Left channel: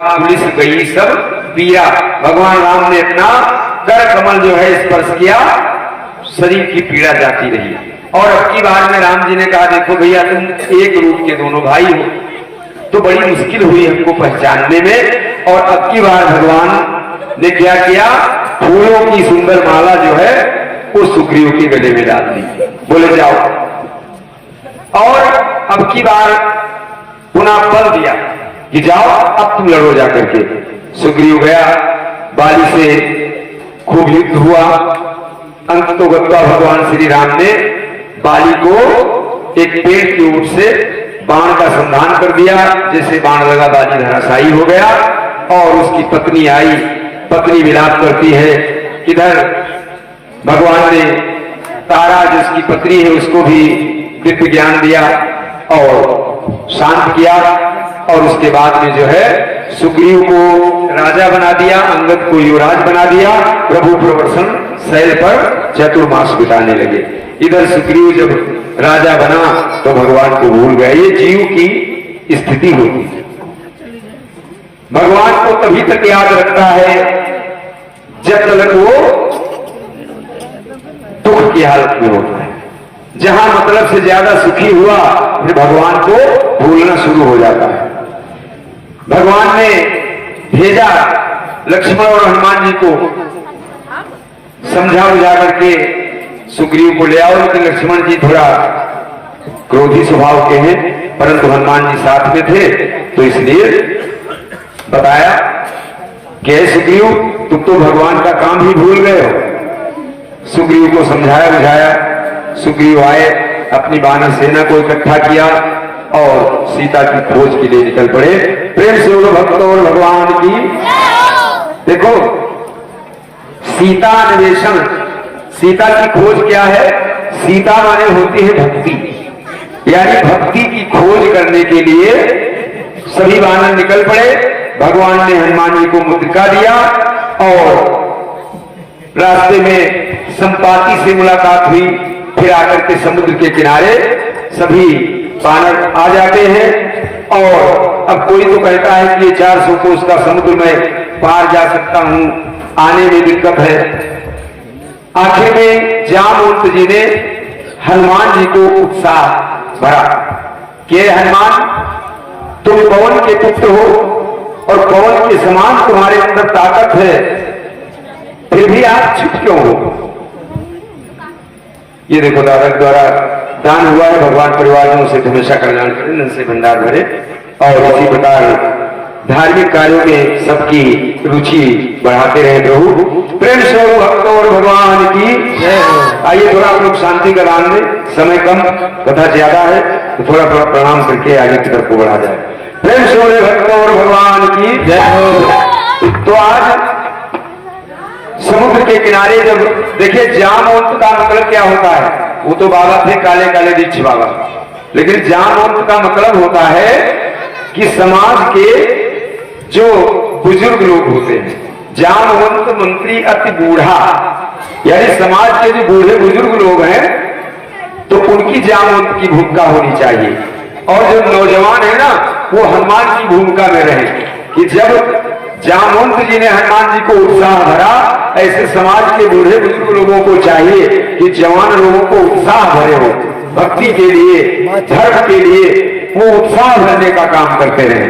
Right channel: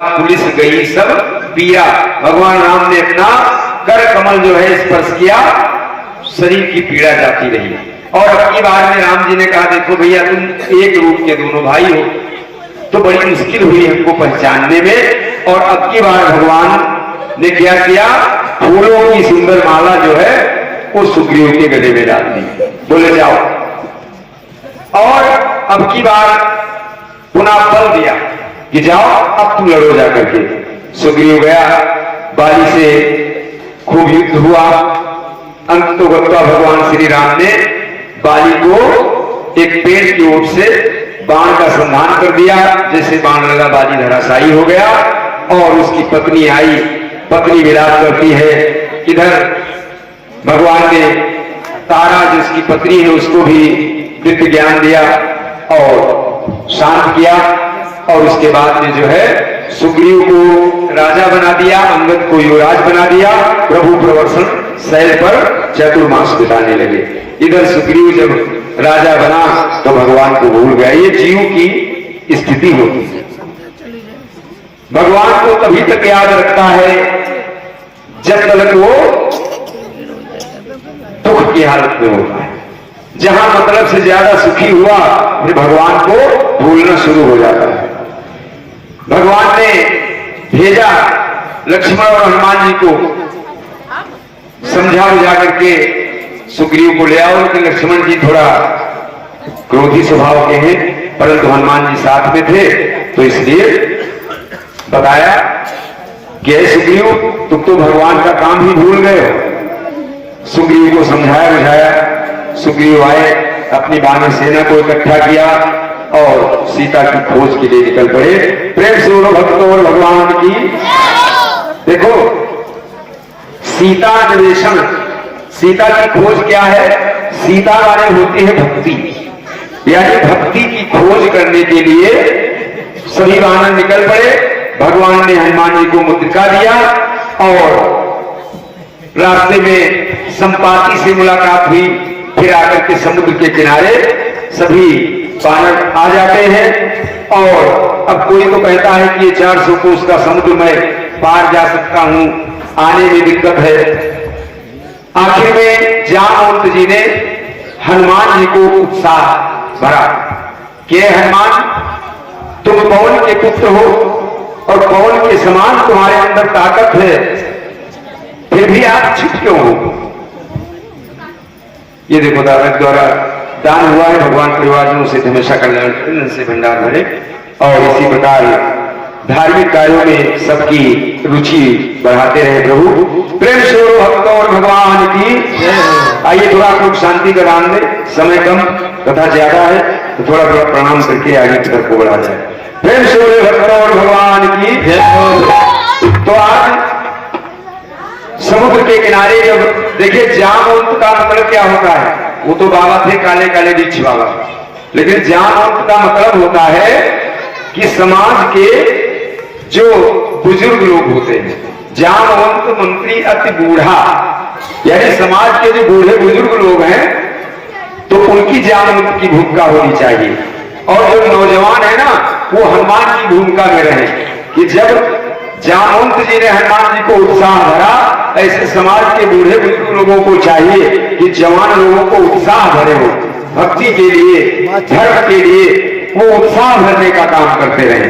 Police गई सब पीरा। भगवान राम ने अपना कर कमल जो है स्पर्श किया, शरीर की पीड़ा जाती रही। और अब की बार में राम जी ने कहा, देखो भैया तुम एक रूप के दोनों भाई हो, तो बड़ी मुश्किल हुई हमको पहचानने में। और अब की बार भगवान ने क्या किया, फूलों की सुंदर माला जो है वो सुग्रीव के गले में डाल दी। बोले जाओ। और अब की बार पुनः बल दिया कि जाओ अब तुम लड़ो जा करके। सुग्रीव गया, बाली से खूब युद्ध हुआ। अंत तो गत्वा भगवान श्री राम ने बाली को एक पेड़ की ओर से बाण का संधान कर दिया। जैसे बाण लगा बाली धराशायी हो गया। और उसकी पत्नी आई, पत्नी विलाप करती है। इधर भगवान ने तारा जिसकी पत्नी है उसको भी दिव्य ज्ञान दिया और शांत किया। और उसके बाद में जो है सुग्रीव को राजा बना दिया, अंगद को युवराज बना दिया। प्रभु प्रवर्षण शैल पर चतुर्मास बिताने लगे। इधर सुग्रीव जब राजा बना तो भगवान को भूल गया। ये जीव की स्थिति होती है। भगवान को तभी तक याद रखता है जब तक वो दुख की हालत में होता है। जहां मतलब से ज्यादा सुखी हुआ फिर भगवान को भूलना शुरू हो जाता है। भगवान ने भेजा लक्ष्मण और हनुमान जी को समझा बुझा करके सुग्रीव को ले आओ। लेकिन लक्ष्मण जी थोड़ा क्रोधी स्वभाव के हैं, परंतु हनुमान जी साथ में थे तो इसलिए बताया कि सुग्रीव तुम तो भगवान का काम ही भूल गए हो। सुग्रीव को समझाया बुझाया। सुग्रीव आए, अपनी बानर सेना को इकट्ठा किया और सीता की खोज के लिए निकल पड़े। प्रेम से बोलो भक्तों और भगवान की। देखो सीता अन्वेषण, सीता की खोज क्या है? सीता माने होती है भक्ति, यानी भक्ति की खोज करने के लिए सभी वानर निकल पड़े। भगवान ने हनुमान जी को मुद्रिका दिया और रास्ते में संपाति से मुलाकात हुई। फिर आकर के समुद्र के किनारे सभी वानर आ जाते हैं। और अब कोई तो कहता है कि ये 400 कोस का समुद्र मैं पार जा सकता हूं, आने में दिक्कत है। आखिर में जामवंत जी ने हनुमान जी को उत्साह भरा कि हनुमान तुम पवन के पुत्र हो और पवन के समान तुम्हारे अंदर ताकत है, फिर भी आप चुप क्यों हो? ये देखो दादा द्वारा दान हुआ है, भगवान परिवारजनों से हमेशा कल्याण से भंडार भरे। और इसी प्रकार धार्मिक कार्यों में सबकी रुचि बढ़ाते रहे प्रभु। प्रेम से भक्तों और भगवान की। आइए थोड़ा लोग शांति का दान दे, समय कम, कथा ज्यादा है तो थोड़ा थोड़ा प्रणाम करके आगे की तरफ को बढ़ा जाए। प्रेम से भक्तों और भगवान की। तो आज समुद्र के किनारे जब देखिए जामवंत का मतलब क्या होता है? वो तो बाबा थे काले काले दीक्ष बाबा, लेकिन जामवंत का मतलब होता है कि समाज के जो बुजुर्ग लोग होते हैं। जामवंत मंत्री अति बूढ़ा, यानी समाज के जो बूढ़े बुजुर्ग लोग हैं तो उनकी जामवंत की भूमिका होनी चाहिए। और जो नौजवान है ना वो हनुमान की भूमिका में रहे कि जब जामवंत जी ने हनुमान जी को उत्साह भरा, ऐसे समाज के बूढ़े बुजुर्ग लोगों को चाहिए कि जवान लोगों को उत्साह भरे हो, भक्ति के लिए, धर्म के लिए वो उत्साह भरने का काम करते रहे।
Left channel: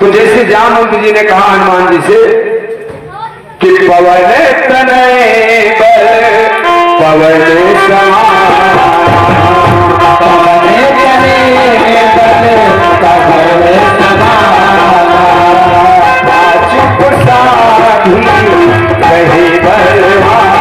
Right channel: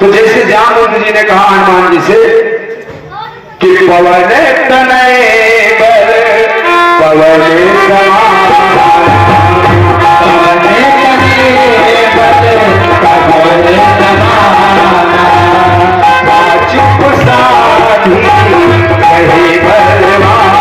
तो जैसे जामवंत जी ने कहा हनुमान जी से कि पवन तनय बल पवन समाना, पवन तनय बल पवन समाना, चुप साधी कहे बलवान,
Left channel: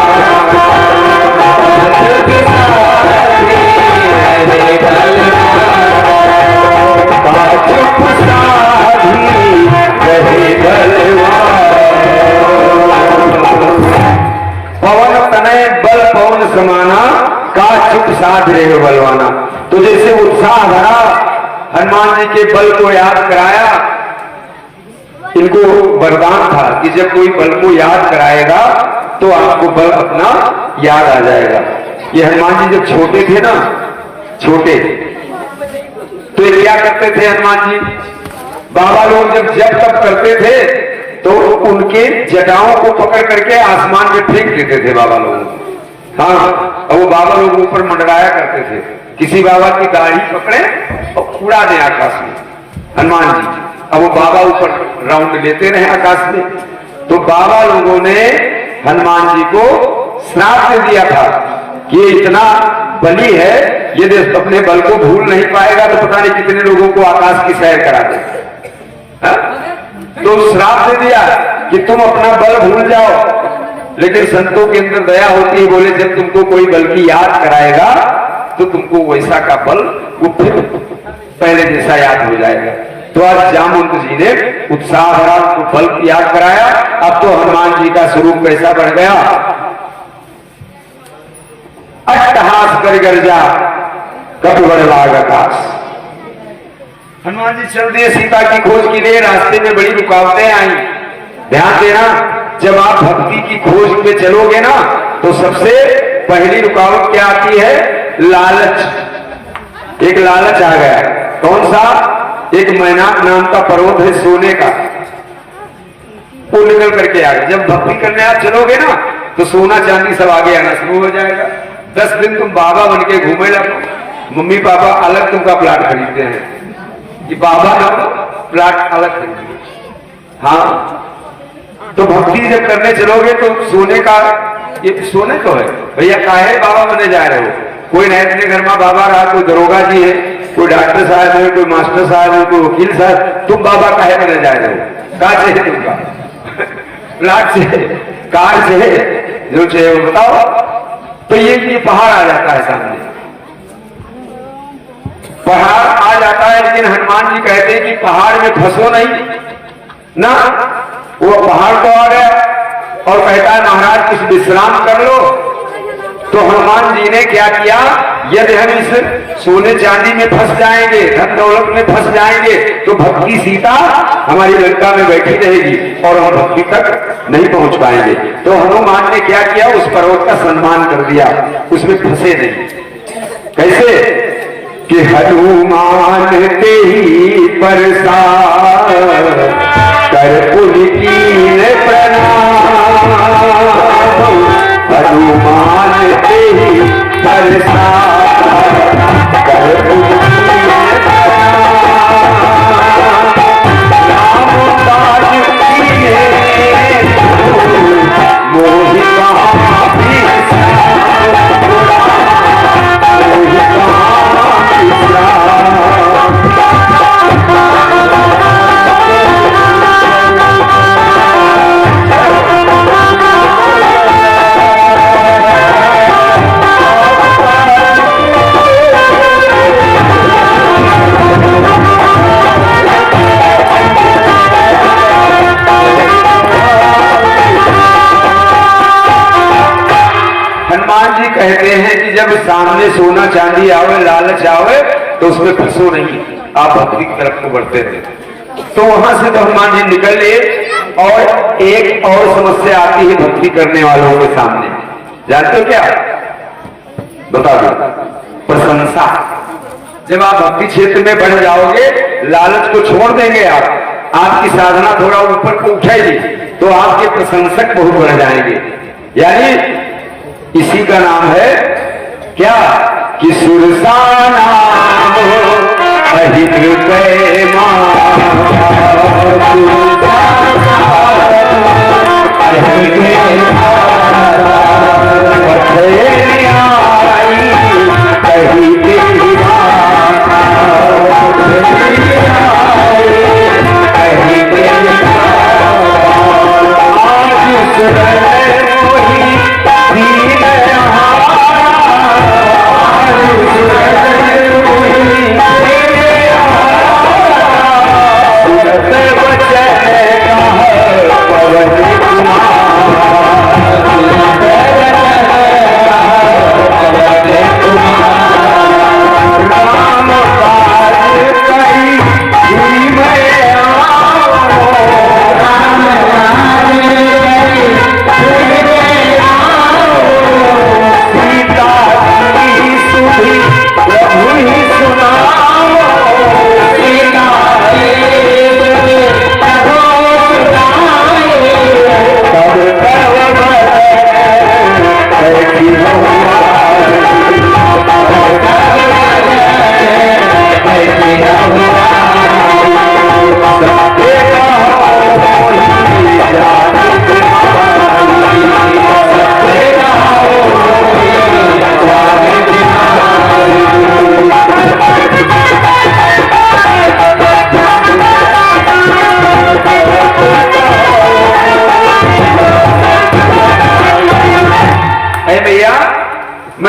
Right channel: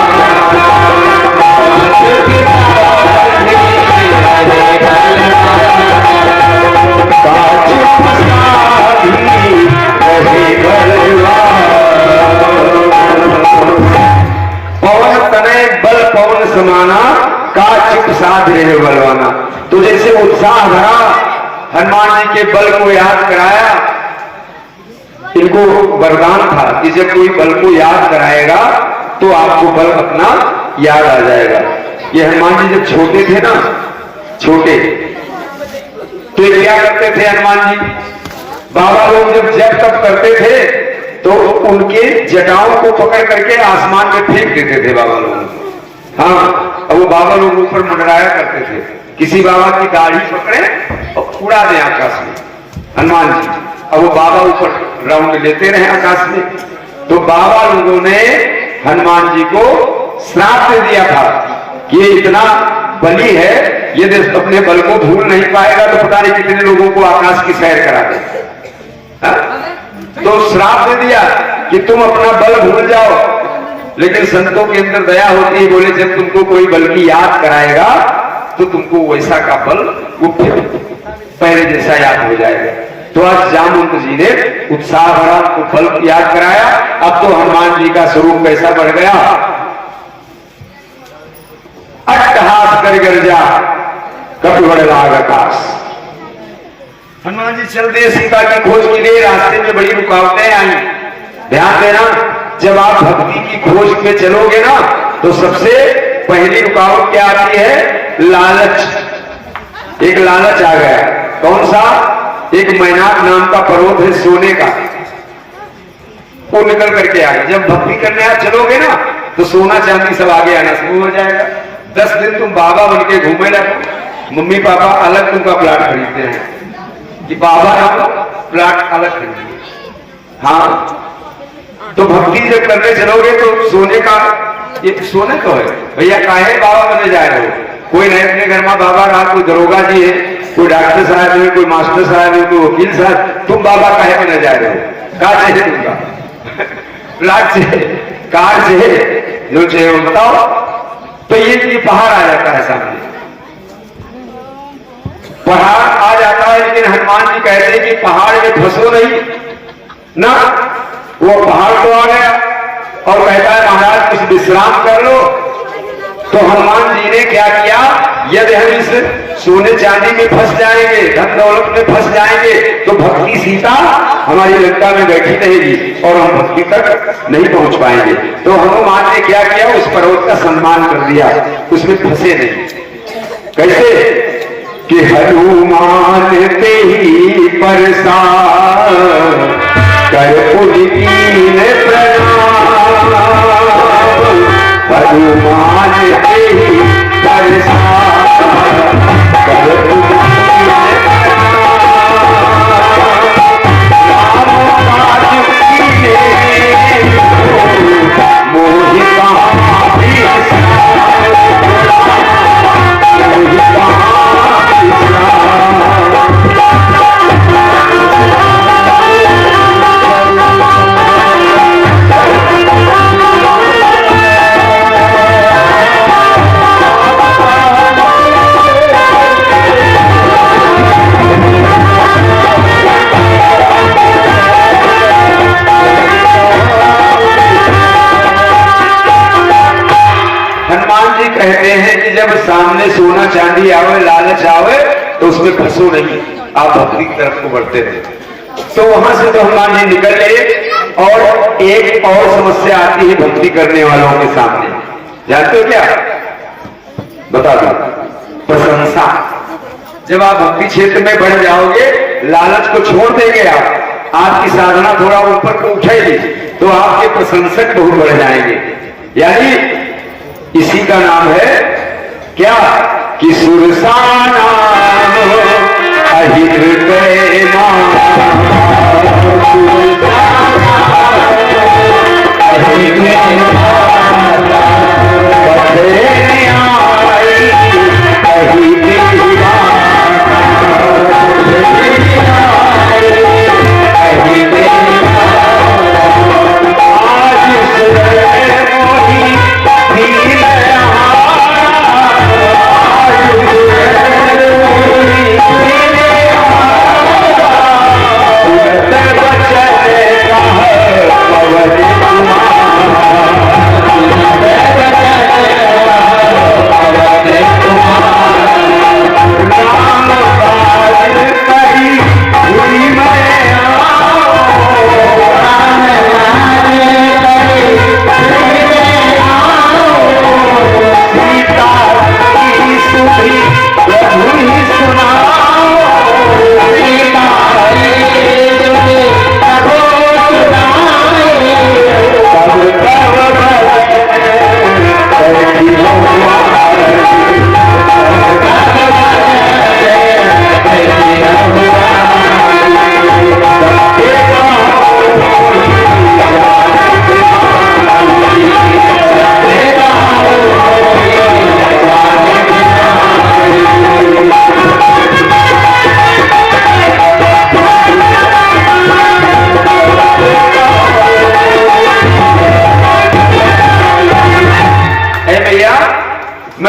पवन तनय बल पवन समाना, का चुप साध रहे बलवाना। तो जैसे उत्साह भरा, हनुमान जी के बल को याद कराया। इनको वरदान था कि जब कोई बल को याद कराएगा तो आपको बल अपना याद आ जाएगा। ये हनुमान जी जब छोटे थे ना, छोटे, तो ये क्या करते थे हनुमान जी? बाबा लोग जब तप करते थे तो उनके जटाओं को पकड़ करके आसमान में फेंक देते थे बाबा लोग। हाँ, अब वो बाबा लोग ऊपर मंडराया करते थे। किसी बाबा की दाढ़ी पकड़े और उड़ा दे आकाश में, हनुमान जी। अब वो बाबा ऊपर राउंड लेते रहे आकाश में। तो बाबा लोगों ने हनुमान जी को श्राप दे दिया था कि ये इतना बली है, यदि अपने बल को भूल नहीं पाएगा तो पता नहीं कितने लोगों को आकाश की सैर करा दे। तो श्राप दे दिया कि तुम अपना बल भूल जाओ। लेकिन संतों के अंदर दया होती है, बोले जब तुमको कोई बल की याद कराएगा तो तुमको वैसा का बल वो फिर पहले जैसा याद हो जाएगा। तो आज जामुन जी ने उत्साह भरा, उनको बल याद कराया। अब तो हनुमान जी का स्वरूप कैसा बढ़ गया, अट्टहास कर गर्जा कटुबड़ नाग आकाश। हनुमान जी चल दिए, सीता की खोज की दे, रास्ते में बड़ी रुकावटें आई। ध्यान देना, जब आप भक्ति की खोज में चलोगे ना तो सबसे पहली रुकावट क्या आती है, लालच। एक लालच आ गया। कौन सा? एक मैनाक नाम का पर्वत है सोने का, वो निकल करके आ गया। जब भक्ति करने आप चलोगे ना तो सोना चांदी सब आगे आना शुरू हो जाएगा। 10 दिन तुम बाबा बन के घूमे लगो, मम्मी पापा अलग तुमका प्लाट खरीदते हैं कि बाबा का प्लाट अलग खरीदिए। हाँ, तो भक्ति जब करने चलोगे तो सोने का, ये सोने तो है भैया, काहे बाबा बने जा रहे हो? कोई नहीं, अपने घर में बाबा रहा, कोई दरोगा जी है, कोई डॉक्टर साहब है, कोई मास्टर साहब है, कोई वकील साहब, तुम बाबा काहे बने जा रहे हो? कहा चाहिए तुमका? प्लाट से, कार से, जो चाहिए वो बताओ। तो ये पहाड़ आ जाता है सामने, पहाड़ आ जाता है। लेकिन हनुमान जी कहते हैं कि पहाड़ में फंसो नहीं ना। वो पहाड़ तो आ गया और कहता है महाराज कुछ विश्राम कर लो। तो हनुमान जी ने क्या किया, यदि हम इस सोने चांदी में फंस जाएंगे, धन दौलत में फंस जाएंगे तो भक्ति सीता हमारी लंका में बैठी रहेगी और हम भक्ति तक नहीं पहुंच पाएंगे। तो हनुमान ने क्या किया, उस पर्वत का सम्मान कर दिया, उसमें फंसे नहीं। कैसे कि हनुमान ते ही परसार कर पुलकीन प्रणाम, हनुमान ते ही परसार कर पुलकीन प्रणाम, राम पाद कीने मोहि कहाँ बिसराम, मोहि कहाँ बिसराम। कहते हैं कि जब सामने सोना चांदी आवे, लालच आवे तो उसमें फंसो नहीं, आप भक्ति की तरफ को बढ़ते थे। तो वहां से तो हनुमान जी निकले। और एक और समस्या आती है भक्ति करने वालों के सामने, जानते हो क्या? बता दो, प्रशंसा। जब आप भक्ति क्षेत्र में बढ़ जाओगे, लालच को छोड़ देंगे, आप आपकी साधना थोड़ा ऊपर को उठेगी तो आपके प्रशंसक बहुत बढ़ जाएंगे। यानी इसी का नाम है क्या कि सुरसा नाम अहित प्रेमा,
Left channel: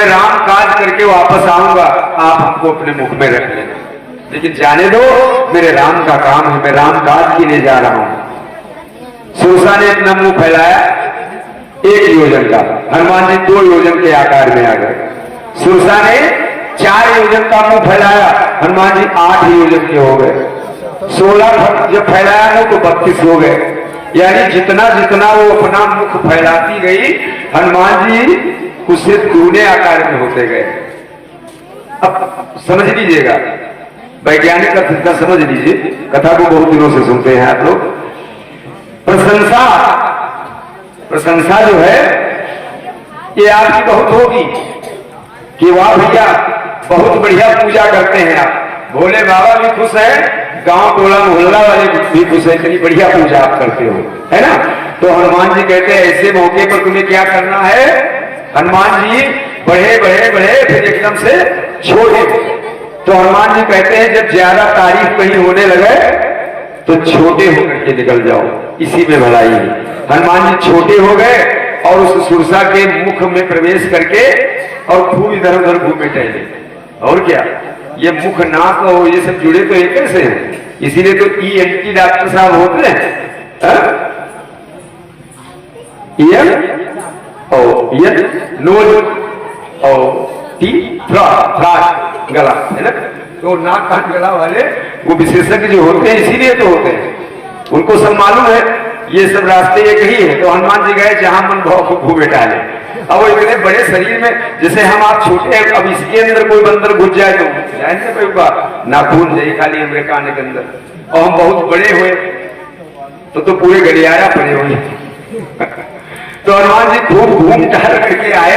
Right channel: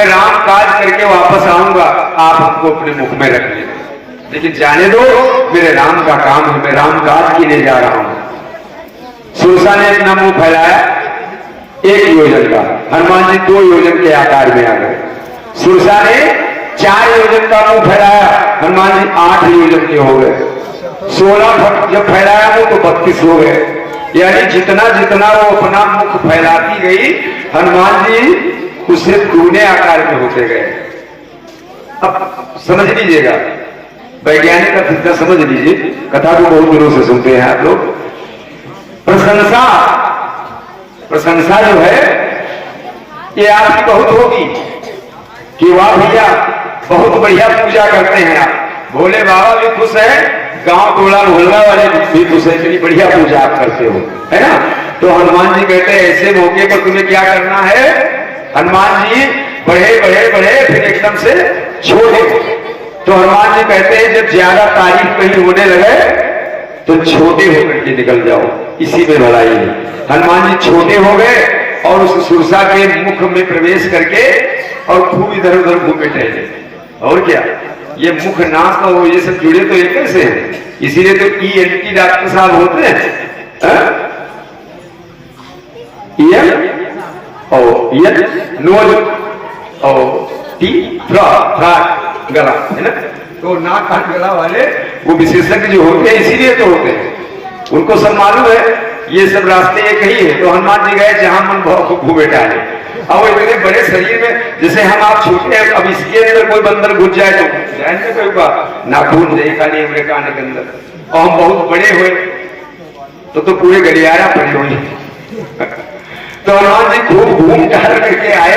मैं राम काज करके वापस आऊंगा, आप हमको अपने मुख में रख लेना, लेकिन जाने दो मेरे राम का काम है, मैं राम काज के लिए जा रहा हूं। सुरसा ने अपना मुंह फैलाया 1 योजन का, हनुमान जी 2 योजन के आकार में आ गए। सुरसा ने 4 योजन का मुंह फैलाया, हनुमान जी 8 योजन के हो गए। 16 जब फैलाया मुंह तो 32 हो गए। यानी जितना जितना वो अपना मुख फैलाती गई, हनुमान जी उससे दूने आकार में होते गए। अब समझ लीजिएगा, वैज्ञानिक का समझ लीजिए, कथा को बहुत दिनों से सुनते हैं आप लोग। प्रशंसा जो है ये आपकी बहुत होगी कि वाह भैया बहुत बढ़िया पूजा करते हैं आप, भोले बाबा भी खुश है, गांव टोला मोहल्ला वाले भी खुश है, इतनी बढ़िया पूजा आप करते हो, है ना। तो हनुमान जी कहते हैं ऐसे मौके पर तुम्हें क्या करना है। हनुमान जी बढ़े बढ़े बढ़े फिर एकदम से छोटे। तो हनुमान जी कहते हैं जब ज्यादा तारीफ कहीं होने लगे तो छोटे होकर के निकल जाओ, इसी में भलाई है। हनुमान जी छोटे हो गए और उस सुरसा के मुख में प्रवेश करके और खूब इधर उधर घूमे टहले। और क्या, ये मुख नाक और ये सब जुड़े तो एक से हैं, इसीलिए तो ENT डॉक्टर साहब होते हैं। नोज और गला, है ना। तो नाक कान गला वाले वो विशेषज्ञ जो होते हैं इसीलिए तो होते हैं, उनको सब मालूम है ये सब रास्ते एक ही है। तो हनुमान जी गए जहां मन भाव को घूमे डाले। अब वो इतने बड़े शरीर में, जैसे हम आप छोटे हैं, अब इसके अंदर कोई बंदर घुस जाए तो जाए ना कोई नाखून जाए खाली हमारे कान के अंदर, और हम बहुत बड़े हुए तो पूरे गलियारा पड़े हुए। तो हनुमान जी खूब घूम टहल करके आए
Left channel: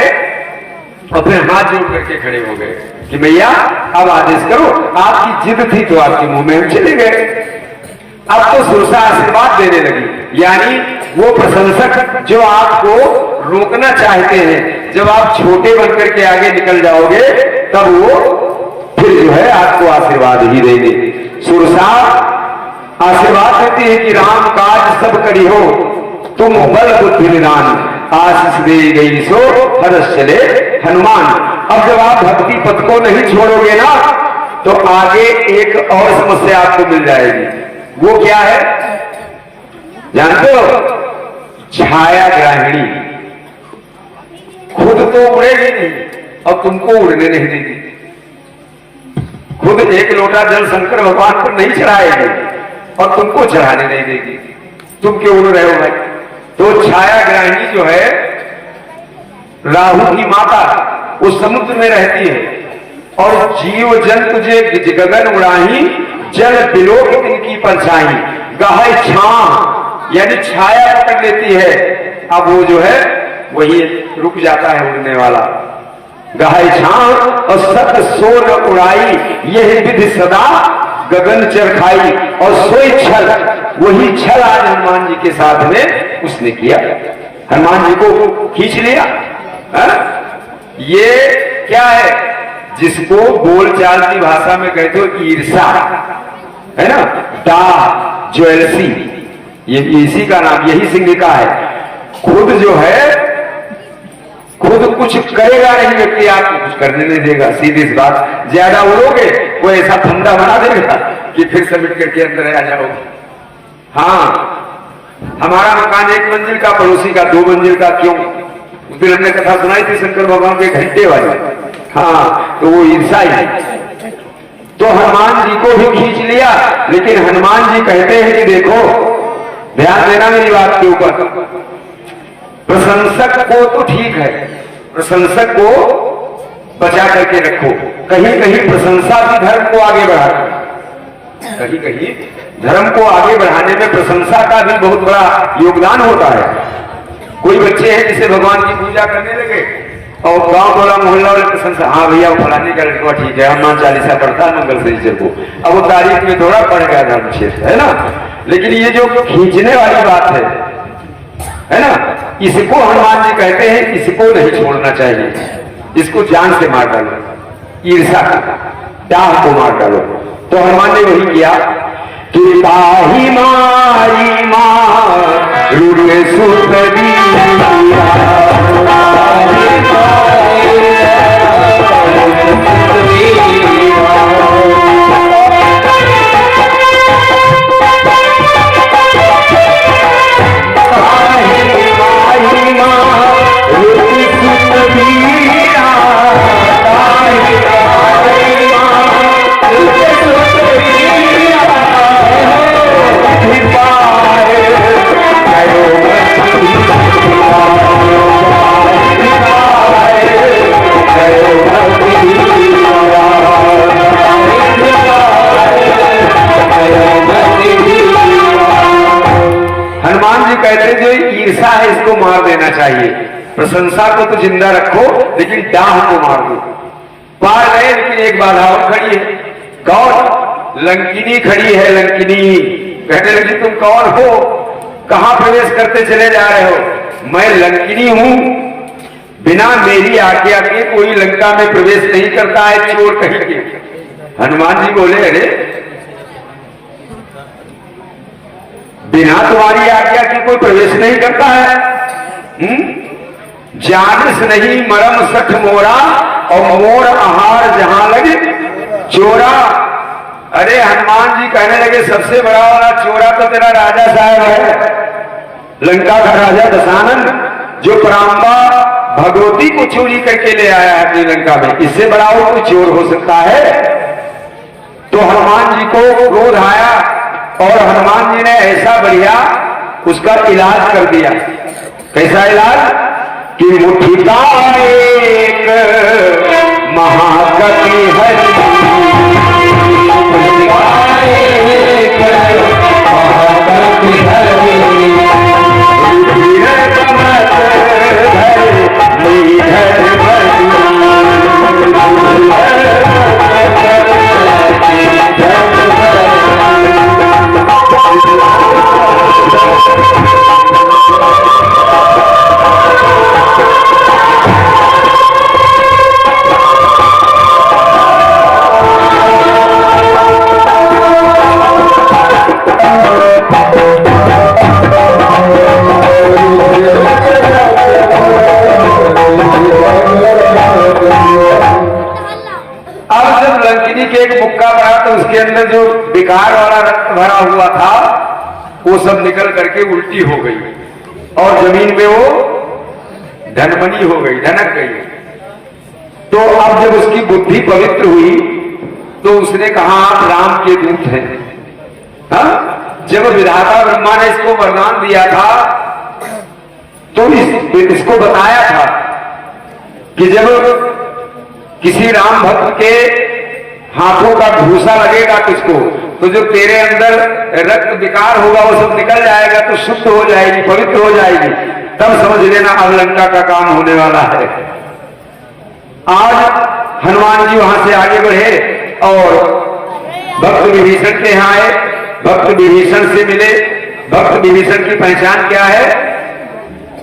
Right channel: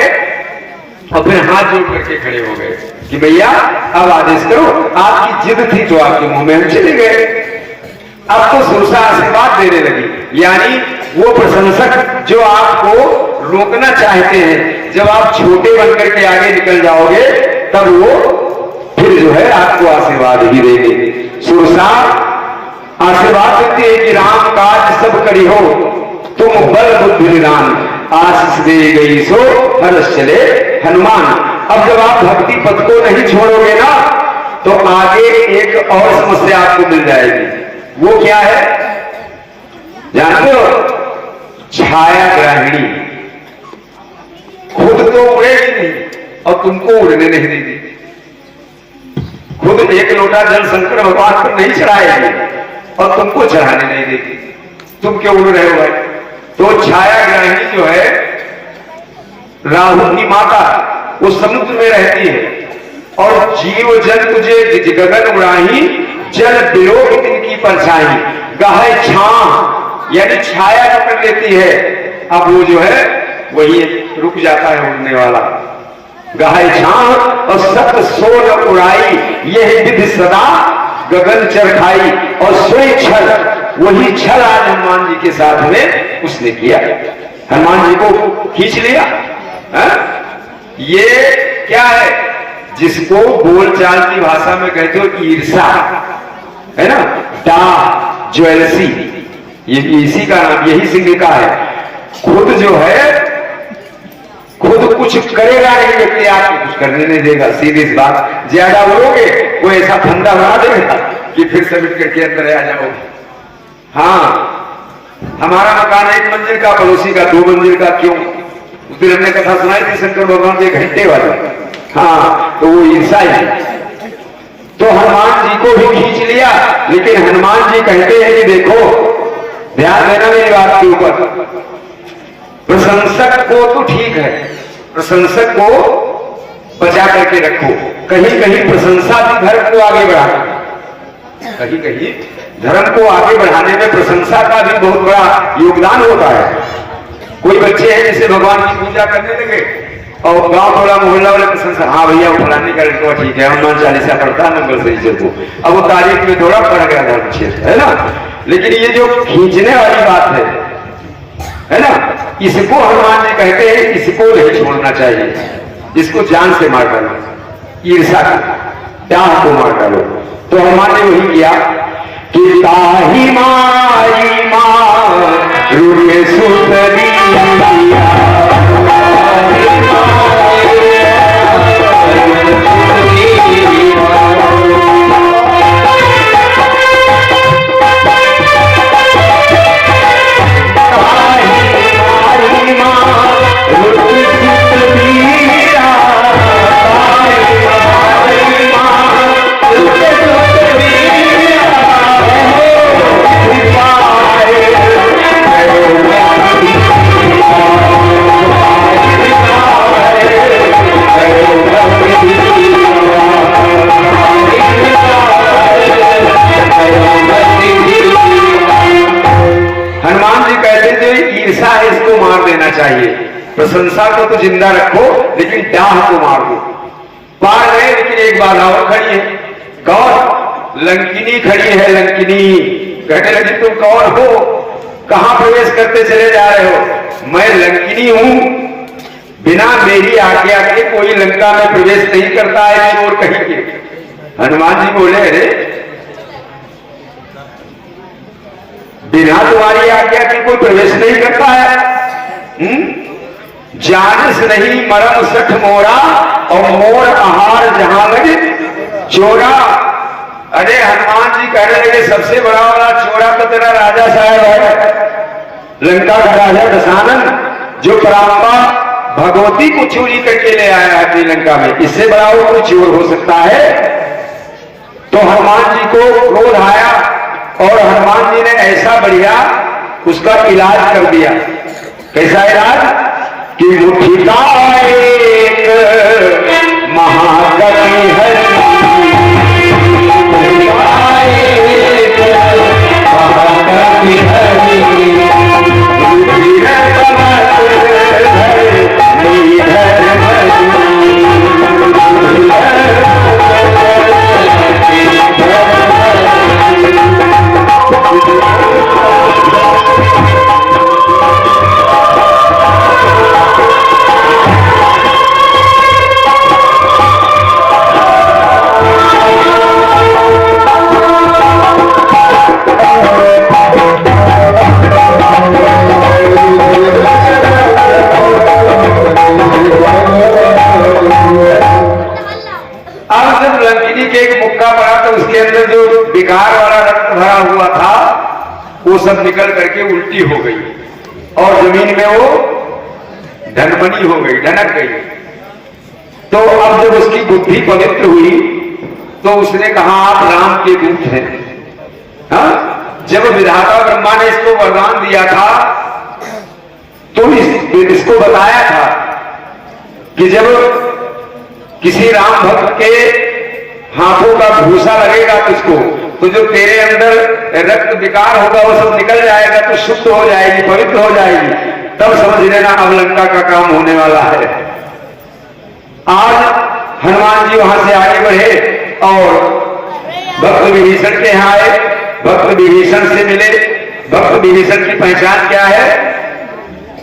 और फिर हाथ जोड़ करके खड़े हो गए कि भैया अब आदेश करो, आपकी जिद थी तो आपके मुंह में हम चले गए। अब तो सुरसा आशीर्वाद देने लगी, यानी वो प्रशंसक जो आपको रोकना चाहते हैं, जब आप छोटे बनकर के आगे निकल जाओगे तब वो फिर जो है आपको आशीर्वाद ही देंगे। सुरसा आशीर्वाद देती है कि राम काज सब करी हो, तुम बल बुद्धि निदान, आशीष दे गई सो हर्ष चले हनुमान। अब जब आप भक्ति पथ को नहीं छोड़ोगे ना तो आगे एक और समस्या आपको मिल जाएगी। वो क्या है जानते हो? छाया ग्राहिणी। खुद तो उड़ेगी नहीं और तुमको उड़ने नहीं देगी। खुद एक लोटा जल शंकर भगवान पर नहीं चढ़ाएगी और तुमको चढ़ाने नहीं देगी। तुम क्यों उड़ रहे हो भाई? तो छाया ग्राहिणी जो है राहु की माता, उस समुद्र में रहती है और जीव जंतु जे गगन उड़ाही, जल बिलोक तिनकी परछाई, गहय छां यानी छाया पकड़ लेती है। अब वो जो है वही रुक जाता है उड़ने वाला। गहय छां और सत सोर उड़ाई, यही विधि सदा गगन चरखाई। और सोई छल, वही छल आज हनुमान जी के साथ में उसने किया, हनुमान जी को खींच लिया। ये क्या है? जिसको बोलचाल की भाषा में कहते हो ईर्षा, है ना, डाह, ज्वेलसी, ये इसी का नाम, यही सिंह का है। खुद जो है खुद कुछ करेगा नहीं व्यक्ति, आपको कुछ करने नहीं देगा। सीधी सी बात, ज्यादा उड़ोगे वो ऐसा फंदा बना देगा कि फिर समिट करके अंदर आ जाओगे। हाँ, हमारा मकान 1 मंजिल का, पड़ोसी का 2 मंजिल का। क्यों? उस दिन हमने कथा सुनाई थी शंकर भगवान के घंटे वाली। हाँ, तो वो ईर्षा ही है। तो हनुमान जी को भी खींच लिया, लेकिन हनुमान जी कहते हैं कि देखो, ध्यान देना मेरी बात के ऊपर। प्रशंसक को तो ठीक है, प्रशंसक को बचा करके रखो। कहीं कहीं प्रशंसा भी धर्म को आगे बढ़ाती, कहीं कहीं धर्म को आगे बढ़ाने में प्रशंसा का भी बहुत बड़ा योगदान होता है। कोई बच्चे हैं जिसे भगवान की पूजा करने लगे और गांव टोला मोहल्ला वाले प्रशंसा, हाँ भैया फलाने का लड़का ठीक है, हनुमान चालीसा पढ़ता है मंगल शनीचर को। अब वो तारीफ में थोड़ा पड़ गया धर्म क्षेत्र, है ना। लेकिन ये जो खींचने वाली बात है ना, इसको हनुमान जी कहते हैं इसको नहीं छोड़ना चाहिए, इसको जान से मार डालो, ईर्षा का डाह को मार डालो। तो हनुमान ने वही किया कि ताही मारी मारुरे सुतरिया, कहते जो ईर्षा है इसको मार देना चाहिए, प्रशंसा को तो जिंदा रखो लेकिन डाह को मार दो। पार गए लेकिन एक बाधा और खड़ी है। कौन? लंकिनी खड़ी है। लंकिनी कहने लगी तुम कौन हो, कहां प्रवेश करते चले जा रहे हो? मैं लंकिनी हूं, बिना मेरी आज्ञा के कोई लंका में प्रवेश नहीं करता है, चोर कहीं के। हनुमान जी बोले अरे बिना तुम्हारी आज्ञा के कोई प्रवेश नहीं करता है? जानस नहीं मरम सठ मोरा और मोर आहार जहां लगे चोरा। अरे हनुमान जी कहने लगे सबसे बड़ा वाला चोरा तो तेरा राजा साहब है, लंका का राजा दशानन, जो परांबा भगवती को चोरी करके ले आया है अपनी लंका में। इससे बड़ा और कोई चोर हो सकता है? तो हनुमान जी को क्रोध आया और हनुमान जी ने ऐसा बढ़िया उसका इलाज कर दिया। कैसा इलाज? कि मुट्ठी का एक महाकवि है, उसके अंदर जो विकार वाला रक्त भरा हुआ था वो सब निकल करके उल्टी हो गई और जमीन में वो धनमनी हो गई, ढनक गई। तो अब जब उसकी बुद्धि पवित्र हुई तो उसने कहा आप राम के दूत हैं। हाँ? जब विधाता ब्रह्मा ने इसको वरदान दिया था तो इसको बताया था कि जब किसी राम भक्त के हाथों का भूसा लगेगा तुझको तो जो तेरे अंदर रक्त विकार होगा वो सब निकल जाएगा, तो शुद्ध हो जाएगी, पवित्र हो जाएगी। तब समझ लेना अब लंका का काम होने वाला है। आज हनुमान जी वहां से आगे बढ़े और भक्त विभीषण के यहाँ आए। भक्त विभीषण से मिले। भक्त विभीषण की पहचान क्या है?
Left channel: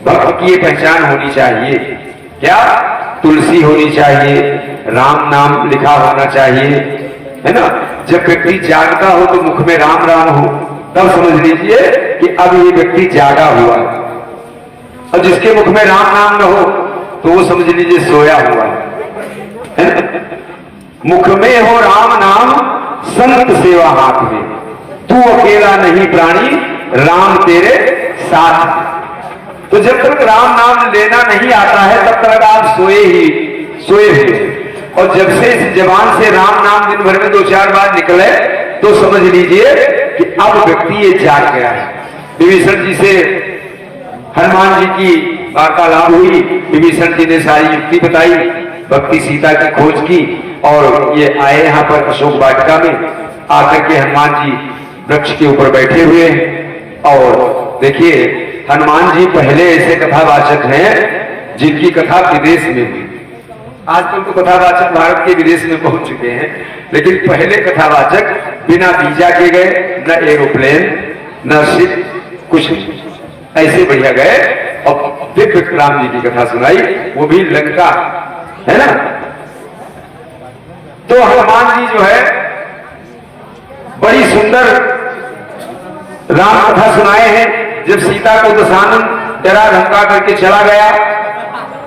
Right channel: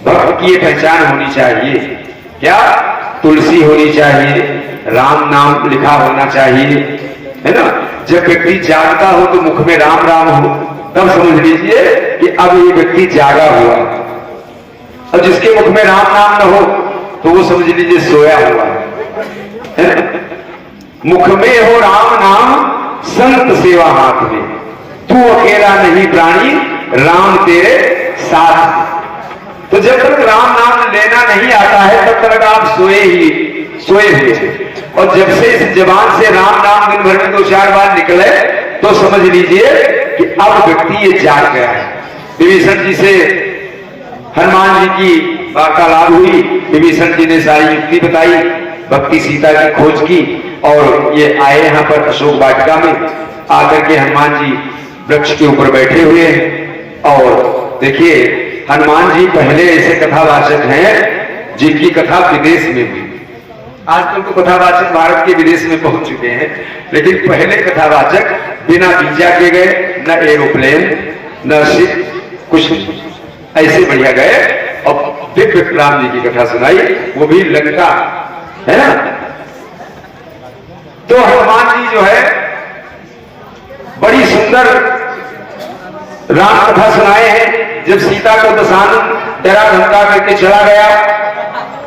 भक्त की ये पहचान होनी चाहिए क्या? तुलसी होनी चाहिए, राम नाम लिखा होना चाहिए, है ना। जब व्यक्ति जागता हो तो मुख में राम राम हो, तब समझ लीजिए कि अब ये व्यक्ति जागा हुआ। और जिसके मुख में राम नाम न हो तो वो समझ लीजिए सोया हुआ है ना? मुख में हो राम नाम, संत सेवा हाथ में, तू अकेला नहीं प्राणी, राम तेरे साथ। तो जब तक राम नाम लेना नहीं आता है तब तक आप सोए हुए। और जब से इस जबान से राम नाम दिन भर में 2-4 बार निकले तो समझ लीजिए कि अब व्यक्ति ये जाग गया है। विभीषण जी से हनुमान जी की वार्तालाप हुई। विभीषण जी ने सारी युक्ति बताई, भक्ति सीता की खोज की और ये आए यहाँ पर अशोक वाटिका में। आकर के हनुमान जी वृक्ष के ऊपर बैठे हुए हैं। और देखिए हनुमान जी पहले ऐसे कथावाचक हैं जिनकी कथा विदेश में हुई। आजकल तो कथावाचक भारत के विदेश में पहुंच चुके हैं, लेकिन पहले कथावाचक बिना वीजा के गए, न एरोप्लेन न शिप, कुछ ऐसे बढ़िया गए और दिव्य राम जी की कथा सुनाई, वो भी लंका, है ना। तो हनुमान जी जो है बड़ी सुंदर राम कथा सुनाए हैं। जब सीता को दशानन डरा धमका करके चला गया,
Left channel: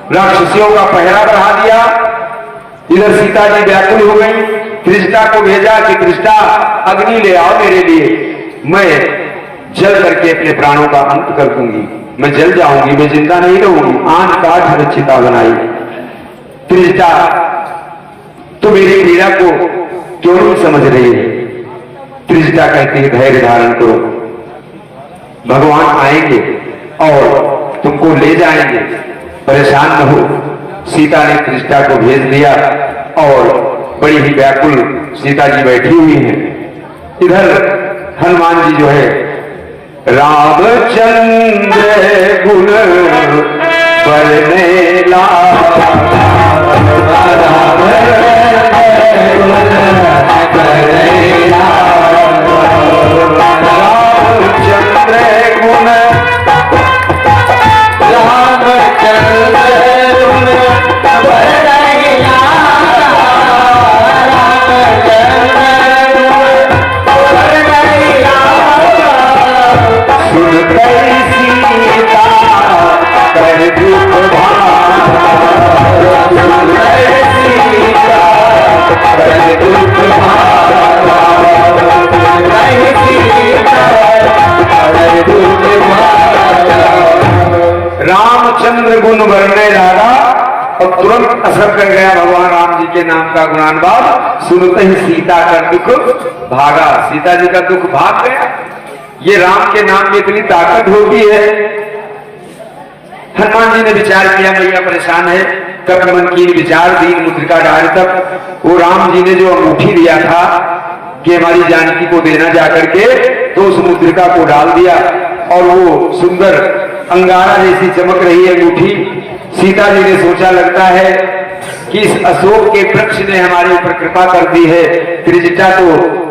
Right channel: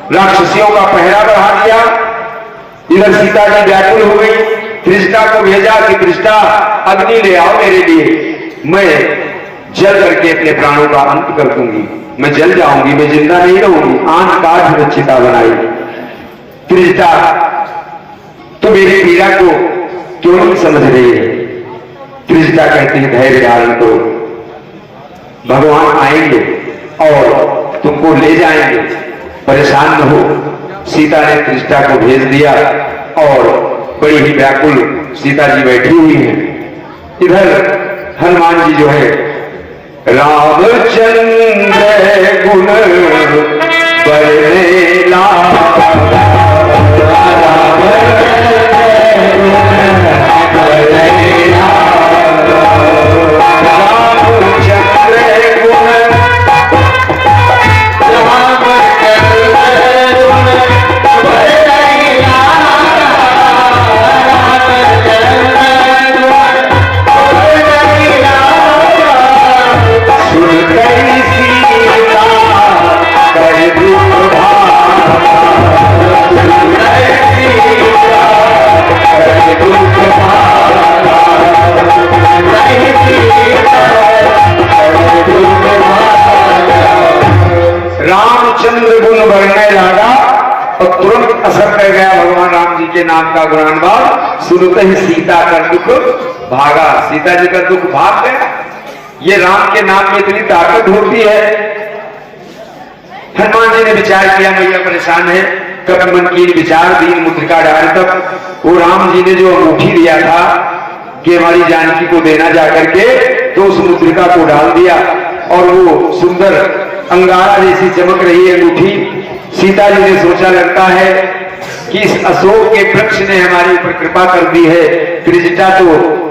राक्षसियों का पहरा बढ़ा दिया, इधर सीता जी व्याकुल हो गई। त्रिष्टा को भेजा कि त्रिष्टा अग्नि ले आओ मेरे लिए, मैं जल करके अपने प्राणों का अंत कर दूंगी, मैं जल जाऊंगी, मैं जिंदा नहीं रहूंगी। आंख काट रचिता बनाई। त्रिष्टा तो मेरी पीड़ा को क्यों नहीं समझ रही है? त्रिष्टा कहती है धैर्य धारण करो, भगवान आएंगे और तुमको ले जाएंगे, परेशान न हो। सीता ने त्रिष्टा को भेज दिया और बड़ी ही व्याकुल सीता जी बैठी हुई हैं। इधर हनुमान जी जो है रामचंद्र गुण बरने लागा, रामचंद्र गुण भरने लगा और तुरंत असर कर गया भगवान राम जी के नाम का गुणानुवाद। सुनते ही सीता का दुख भागा, सीता जी का दुख भाग गया। ये राम के नाम में इतनी ताकत होती है। हनुमान जी ने विचार किया मैया परेशान है, कब मन की विचार दीन मुद्रिका डाल तक। वो राम जी ने जो अंगूठी दिया था कि हमारी जानकी को देना जाकर के, तो उस मुद्रिका को डाल दिया और वो सुंदर अंगारा जैसी चमक रही अंगूठी। सीता जी ने सोचा लगता है कि इस अशोक के वृक्ष ने हमारे ऊपर कृपा कर दी है। त्रिजटा तो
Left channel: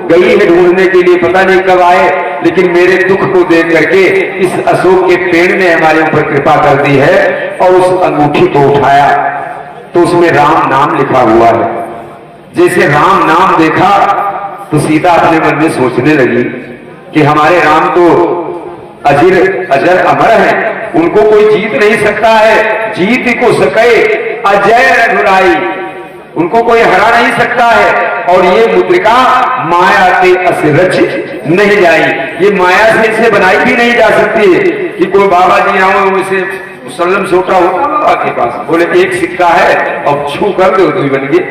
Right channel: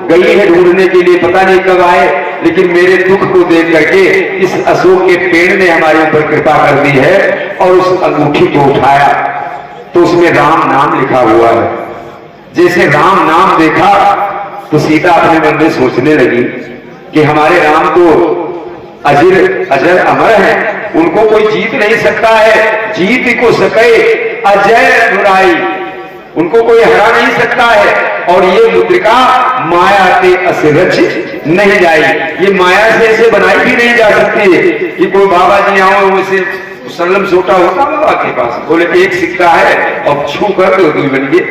गई है ढूंढने के लिए, पता नहीं कब आए, लेकिन मेरे दुख को देख करके इस अशोक के पेड़ ने हमारे ऊपर कृपा कर दी है। और उस अंगूठी को उठाया तो उसमें राम नाम लिखा हुआ है। जैसे राम नाम देखा तो सीता अपने मन में सोचने लगी कि हमारे राम तो अजर अमर है, उनको कोई जीत नहीं सकता है। जीत को सके अजय रघुराई, उनको कोई हरा नहीं सकता है। और ये मुद्रिका माया के असरच नहीं जाई, ये माया से इसे बनाई भी नहीं जा सकती कि कोई बाबा जी आओ इसे मुसल्लम सोटा होता बाबा के पास, बोले एक सिक्का है और छू कर दो तो बन गए,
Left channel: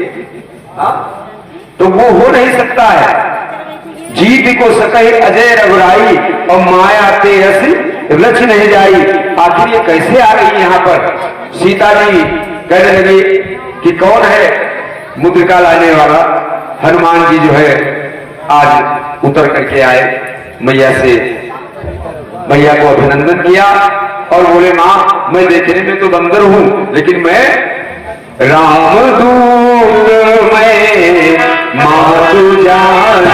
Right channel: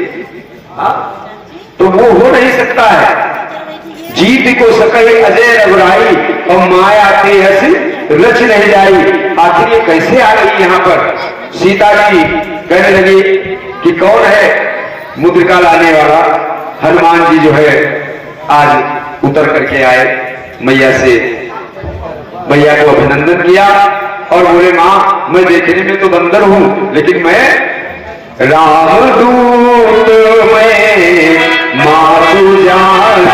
तो वो हो नहीं सकता है। जीत को सके अजय रघुराई और माया के रस रच नहीं जाई। आखिर ये कैसे आ गई यहाँ पर? सीता जी कहने लगी कि कौन है मुद्रिका लाने वाला? हनुमान जी जो है आज उतर करके आए मैया से, मैया को अभिनंदन किया और बोले माँ मैं देखने में तो बंदर हूं, लेकिन मैं रामदूत मैं मातु जान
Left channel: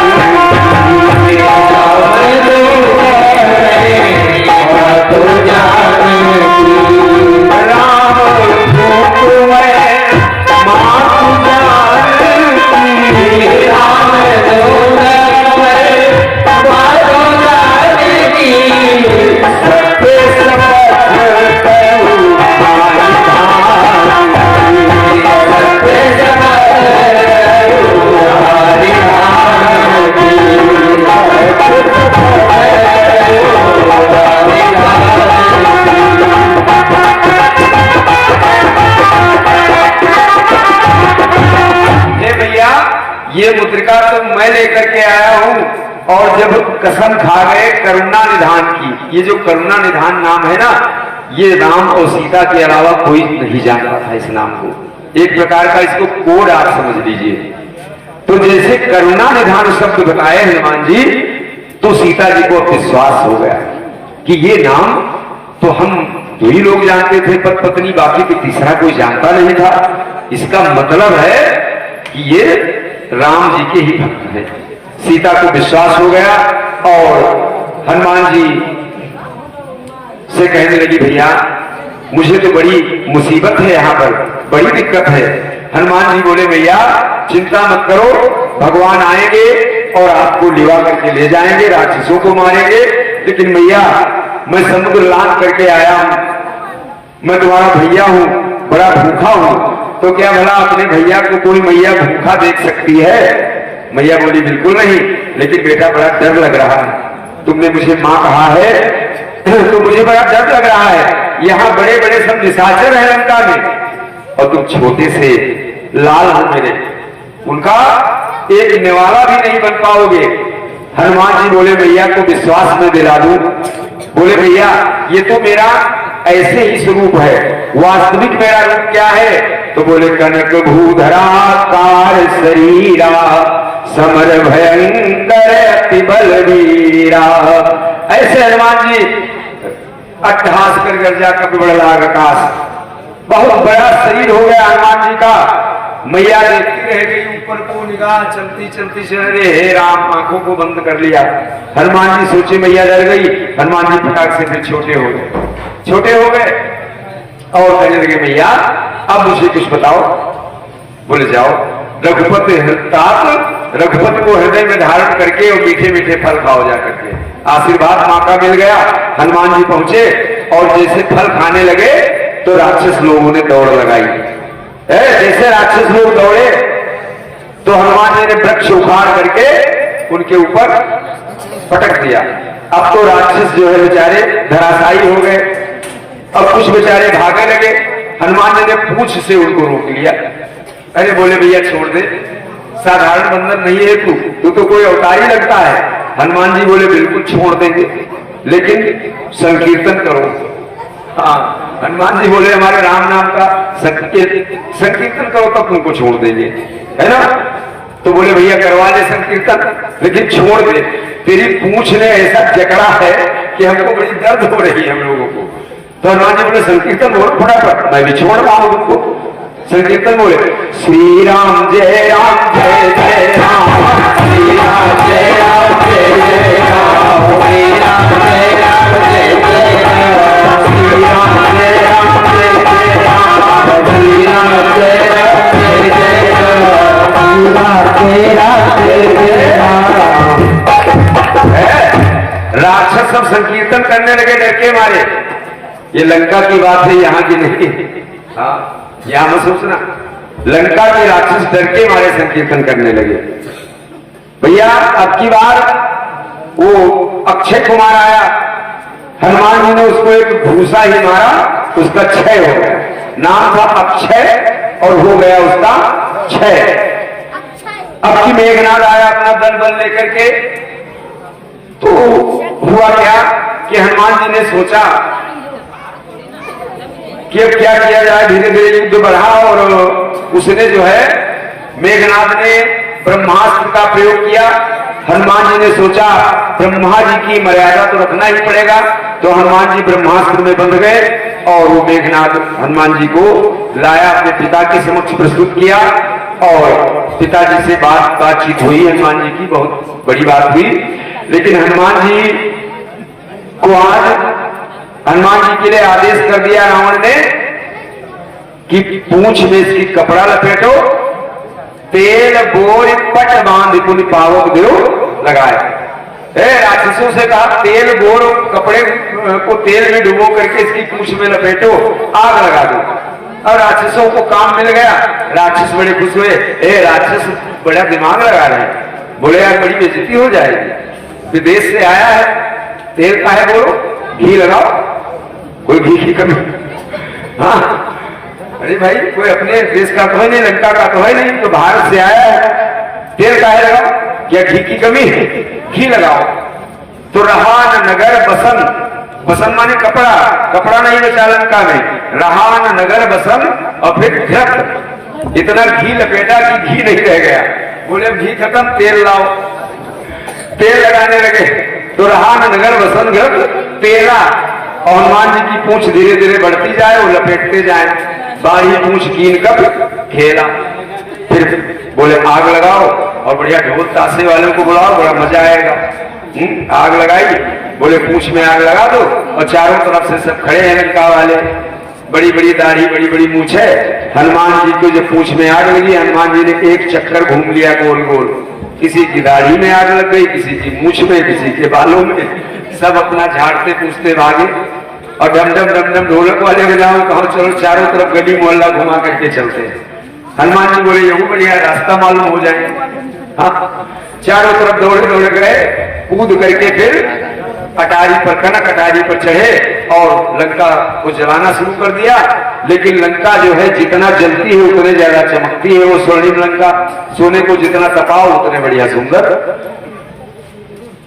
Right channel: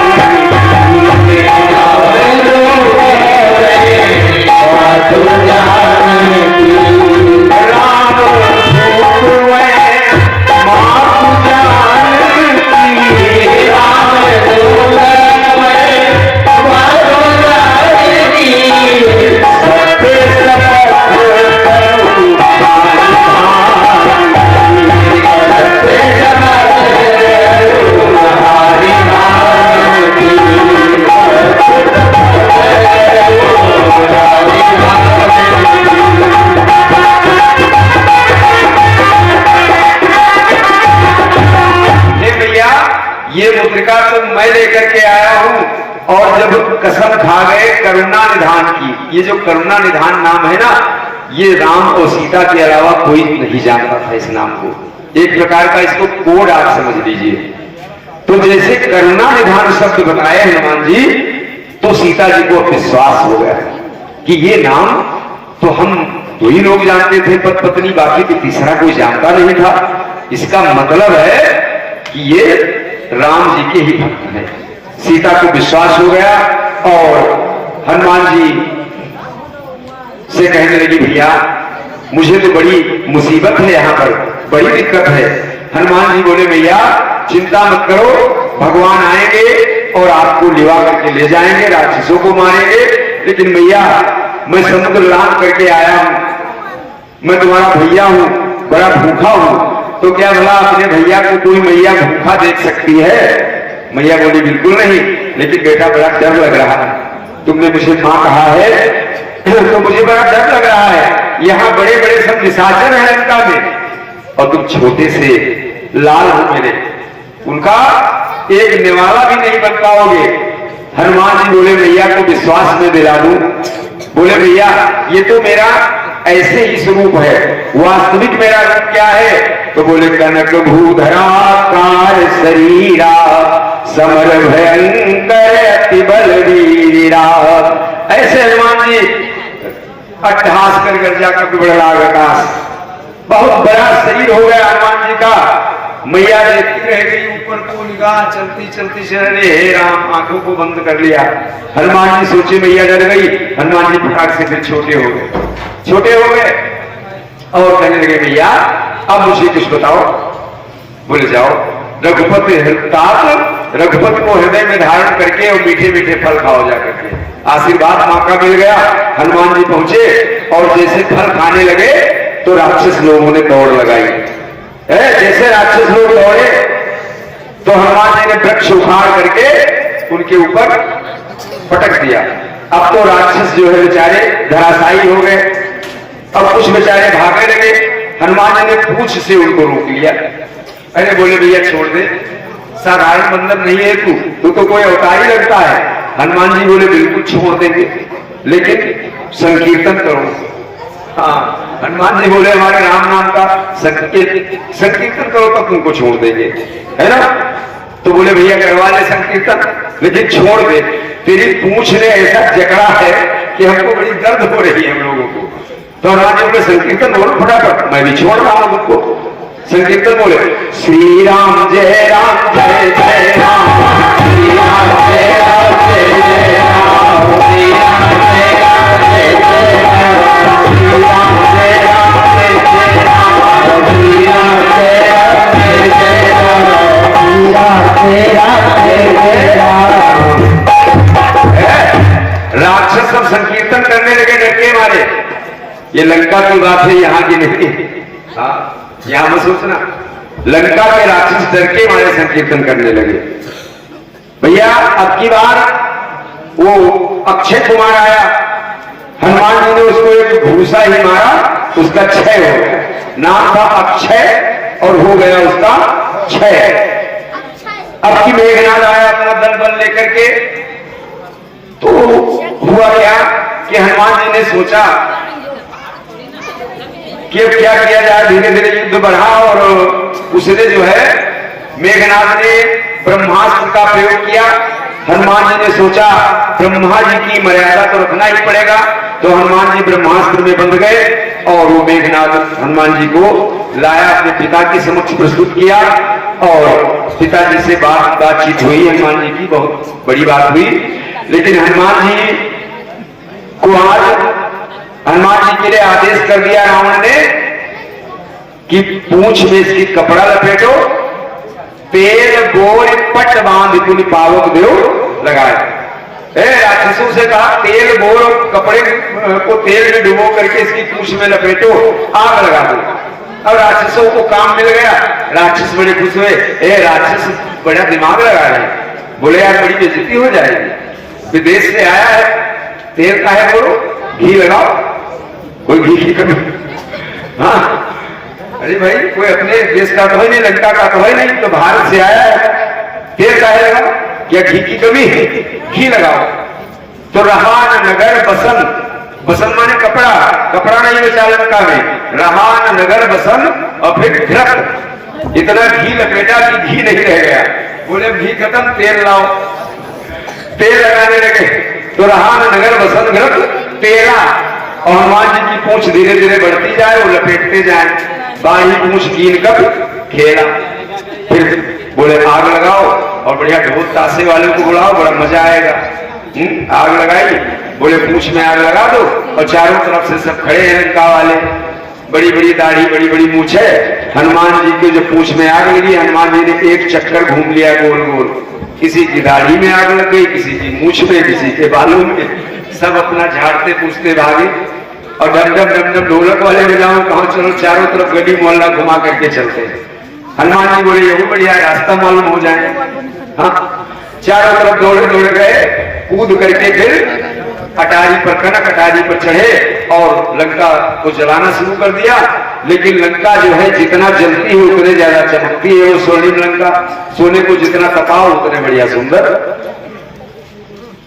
ये मुद्रिका तो मैं लेकर के आया हूं। और जब कसम खा गए करुणा निधान की, ये जो करुणा निधान नाम है ना, ये राम और सीता के अलावा कोई नहीं जानता था इस नाम को। एक प्रकार का इसको कोड आप समझ लीजिए। तो जैसे करुणा निधान शब्द बताए हनुमान जी, तो सीता जी को विश्वास हो गया कि ये नाम तो हम दो ही लोग जानते थे पति पत्नी, बाकी तो तीसरा कोई जानता नहीं था। इसका मतलब है कि ये राम जी के ही भक्त हैं। सीता को विश्वास हो गया और हनुमान जी से कहने लगी भैया मुझे तो बड़ी मुसीबत है, यहाँ पर बड़ी दिक्कत है। हनुमान जी बोले भैया चिंता मत करो, भगवान आएंगे और आपको लिवा करके ले जाएंगे, राक्षसों को मारेंगे। लेकिन भैया मैं समुद्र लांघ करके आया हूं, मैं तुम्हारा भैया हूं, बड़ा भूखा हूं, तो क्या भला अपने भैया को कोई मैया भूखा देख सकती है? मैया बोली बिल्कुल नहीं, लेकिन बेटा बड़ा डर लग रहा है, तुमने मुझे माँ कहा है तो मुझे बड़ा डर लग रहा है। यहाँ बड़े बड़े सब निशाचर हैं लंका में और तुम छोटे से लाल हो मेरे, उनका एक निवाला भी नहीं बन पाओगे। हनुमान जी बोले भैया को विश्वास में दिला दूं? बोले भैया ये तो मेरा ऐसे ही स्वरूप है, वास्तविक मेरा रूप क्या है? तो बोले कनक भूधराकार शरीरा समर भयंकर अति बलवीरा। ऐसे हनुमान जी अट्टहास कर गर्जा कपि बड़लाग आकाश। बहुत बड़ा शरीर हो गया हनुमान जी का। मैया देखती रह गई ऊपर को, निगाह चलती चलती से अरे हे राम, आंखों को बंद कर लिया। हनुमान जी सोचे मैया डर गई। हनुमान जी फटाक से फिर छोटे हो गए, छोटे हो गए और कहने लगे मैया अब मुझे कुछ बताओ। बोले जाओ। रघुपति रघुपति को हृदय में धारण करके और मीठे मीठे फल खाओ जा करके। आशीर्वाद माँ का मिल गया। हनुमान जी पहुंचे और जैसे फल खाने लगे तो राक्षस लोगों ने दौड़ लगाई। जैसे राक्षस लोग दौड़े तो हनुमान जी ने वृक्ष उखाड़ करके उनके ऊपर पटक दिया। अब तो राक्षस जो है बेचारे धराशायी हो गए। अब कुछ बेचारे भागने लगे। हनुमान जी ने पूंछ से उनको रोक लिया। अरे बोले भैया छोड़ दे, साधारण बंदर नहीं है तू तो कोई अवतारी लगता है। हनुमान जी बोले बिल्कुल छोड़ देंगे, लेकिन संकीर्तन करो। हाँ, हनुमान जी बोले हमारे राम नाम का संकीर्तन करो तब तुमको छोड़ देंगे, है ना। तो बोले भैया करवा ले संकीर्तन, लेकिन छोड़ दे। तेरी पूंछ ने ऐसा जकड़ा है कि हमको बड़ी दर्द हो रही है हम लोगों को। तो हनुमान जी बोले संकीर्तन बोल फटाफट, मैं भी छोड़ रहा हूं तुमको। संकीर्तन बोले श्री राम जय राम जय जय राम, श्री राम जय राम जय जय राम, श्री राम जय राम जय जय राम, श्री राम जय राम जय जय राम, श्री राम जय राम जय जय राम, श्री राम जय राम जय जय राम। राक्षस सब संकीर्तन करने लगे डर के मारे। ये लंका की बात है, यहाँ की नहीं। हाँ, यहां मत सोचना। लंका के राक्षस डर के मारे संकीर्तन करने लगे। भैया अब की बार वो अक्षय कुमार आया। हनुमान जी ने उसको एक भूसा ही मारा, उसका क्षय हो गया। नाम था अक्षय और हो गया उसका क्षय। अब की मेघनाद आया अपना दल बल लेकर के। तो हुआ क्या कि हनुमान जी ने सोचा कि अब क्या किया जाए। धीरे धीरे युद्ध बढ़ा और उसने जो है मेघनाद ने ब्रह्मास्त्र का प्रयोग किया। हनुमान जी ने सोचा ब्रह्मा जी की मर्यादा तो रखना ही पड़ेगा। तो हनुमान जी ब्रह्मास्त्र में बंध गए और वो मेघनाद हनुमान जी को लाया, अपने पिता के समक्ष प्रस्तुत किया और पिताजी से बातचीत हुई। हनुमान जी की बहुत बड़ी बात हुई। लेकिन हनुमान जी को आज हनुमान जी के लिए आदेश कर दिया रावण ने कि पूंछ में इसकी कपड़ा लपेटो, तेल बोर पट बांध पुनि पावक देव लगाए। राक्षसों से कहा तेल बोर कपड़े को तेल में डुबो करके इसकी पूंछ में लपेटो, आग लगा दो। अब राक्षसों को काम मिल गया। राक्षस बड़े खुश हुए। राक्षस बड़ा दिमाग लगा रहे हैं। बोले यार बड़ी बेइज्जती हो जाएगी, विदेश से आया है, तेल का है बोलो, घी लगाओ। कोई घी की कमी? हाँ, अरे भाई कोई अपने देश का तो है नहीं, लंका का तो है नहीं, तो भारत से आया है, तेल काहे लगाओ? क्या घी की कमी है? घी लगाओ। तो रहान नगर बसन, बसन माने कपड़ा, कपड़ा नहीं बचा लंका में। रहान नगर बसन और फिर घृत, इतना घी लपेटा कि घी नहीं रह गया। बोले अब घी खत्म, तेल लाओ। तेल लगाने लगे तो रहान नगर बसन घृत तेरा। और हनुमान जी की पूंछ धीरे धीरे बढ़ती जाए और लपेटते जाए। बाही पूंछ कीन कर खेला। फिर बोले आग लगाओ और बढ़िया ढोल ताशे वालों को बुलाओ, बड़ा मजा आएगा। आग लगाई। बोले पूंछ में आग लगा दो और चारों तरफ से सब खड़े हैं लंका वाले, बड़ी बड़ी दाढ़ी, बड़ी बड़ी मूछ है। हनुमान जी को जब पूंछ में आग लगी, हनुमान जी ने एक चक्कर घूम लिया गोल गोल। किसी की दाढ़ी में आग लग गई, किसी की मूछ में, किसी के बालों में। सब अपना झाड़ते पूछते भागे और डम डम डम डम ढोलक वाले बजाओ, कहो चलो चारों तरफ गली मोहल्ला घुमा करके चलते। हनुमान जी बोले यही बढ़िया रास्ता मालूम हो जाए। हाँ, चारों तरफ दौड़े दौड़े गए, कूद करके फिर अटारी पर, कनक अटारी पर चढ़े और लंका को जलाना शुरू कर दिया। लेकिन लंका जो है जितना जलती है उतने ज्यादा चमकती है। वो स्वर्णिम लंका, सोने को जितना तपाओ उतने बढ़िया सुंदर।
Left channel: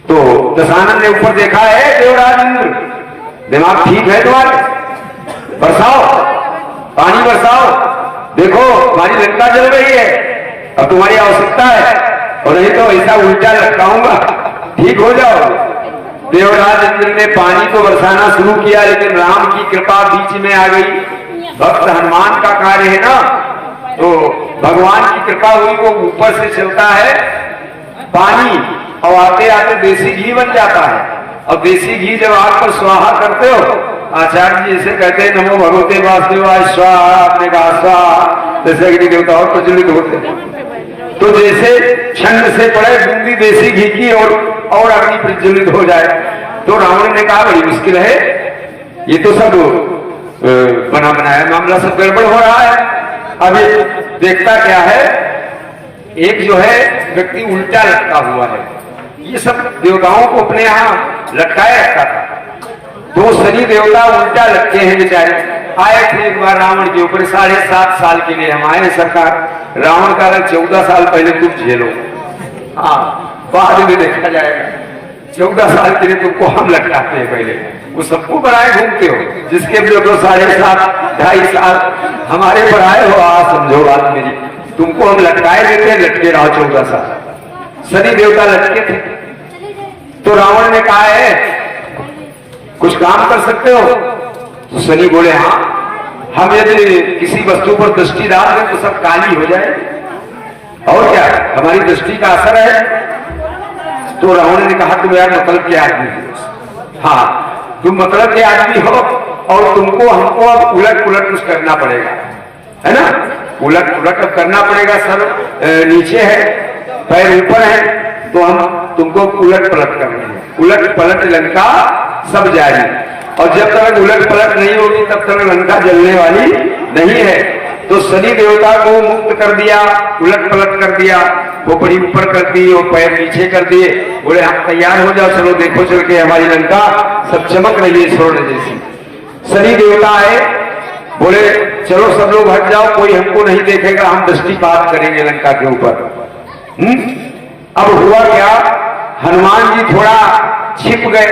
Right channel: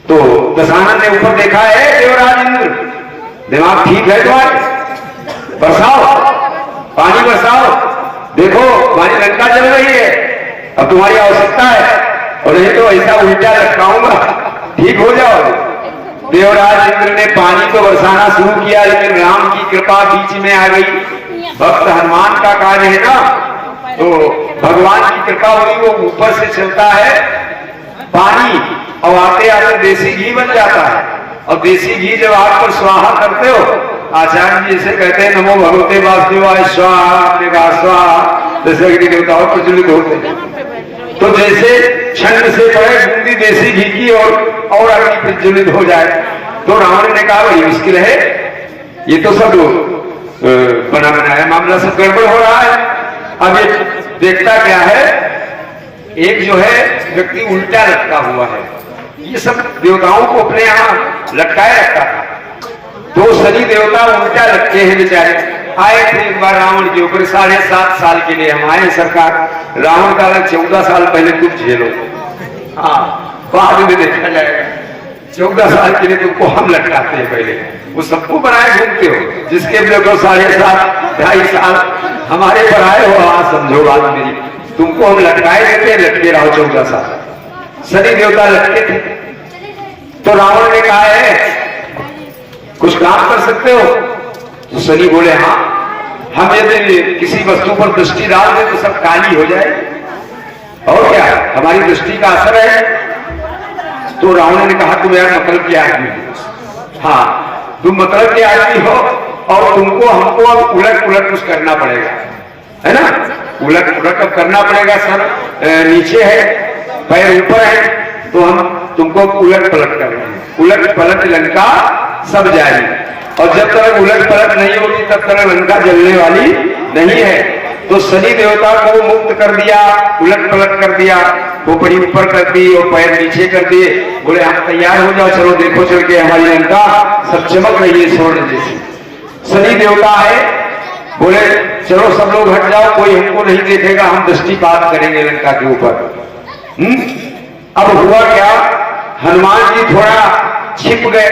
तो दशानन ने ऊपर देखा है, देवराज इंद्र दिमाग ठीक है तुम्हारे, बरसाओ पानी बरसाओ, देखो हमारी लंका जल रही है, अब तुम्हारी आवश्यकता है। और नहीं तो ऐसा उल्टा लटकाऊंगा, ठीक हो जाओ। देवराज इंद्र ने पानी को बरसाना शुरू किया, लेकिन राम की कृपा बीच में आ गई। भक्त हनुमान का कार्य है ना, तो भगवान की कृपा हुई, वो ऊपर से चलता है पानी और आते आते देसी घी बन जाता है। और देसी घी जब आग पर स्वाहा करते हो, आचार्य जी जैसे कहते हैं नमो भगवते वासुदेवाय स्वाहा, आपने कहा स्वाहा, जैसे अग्नि देवताओं प्रज्वलित होते हैं। तो जैसे छंद से पड़े बूंदी देसी घी की और अग्नि प्रज्वलित हो जाए। तो रावण ने कहा बड़ी मुश्किल है, ये तो सब बना बनाया मामला, सब गड़बड़ हो रहा है। अब ये देखता क्या है, एक जो है व्यक्ति उल्टा लटका हुआ है। ये सब देवताओं को अपने यहाँ लटकाए रखता था। तो शनि देवता उल्टा लटके हैं बेचारे। आए थे एक बार रावण के ऊपर, 7.5 साल के लिए हम आए सरकार। रावण का 14 साल पहले तुम झेलो, हाँ बाद में देखा जाएगा। 14 साल के लिए तुमको हम लटकाते हैं, पहले वो सबको बनाए घूमते हो, जिसके देखो 7.5 2.5 साल हमारे पर आए हो। आज समझो बात मेरी, तुमको हम लटकाए देते हैं, लटके रहो 14 साल। शनि देवता लटके थे। तो रावण ने कहा है कुछ काम कर सकते हो? तो शनि बोले हाँ, हम यदि किसी वस्तु पर दृष्टि डाल दें तो सब काली हो जाए, और क्या हमारी दृष्टि का असर है। तो रावण ने कहा तुम यार मतलब के आदमी हो, हाँ तुम मतलब के आदमी हो, और तुमको हमको अब उलट पुलट कुछ करना पड़ेगा, है ना। उलट पुलट अब करना पड़ेगा। सर नीचे है, पैर ऊपर है, तो हम तुमको उलट पलट कर रहे हैं। उलट पलट लंका सब जाएगी, और जब तक उलट पलट नहीं होगी तब तक लंका जलने वाली नहीं है। तो शनि देवता को मुक्त कर दिया, उलट पलट कर दिया, खोपड़ी ऊपर कर दी और पैर नीचे कर दिए। बोले हम तैयार हो जाओ, चलो देखो चल के हमारी लंका सब चमक रही है स्वर्ण जैसी। शनि देवता आए, बोले चलो सब लोग हट जाओ, कोई हमको नहीं देखेगा, हम दृष्टिपात करेंगे लंका के ऊपर। अब हुआ क्या, हनुमान जी थोड़ा छिप गए।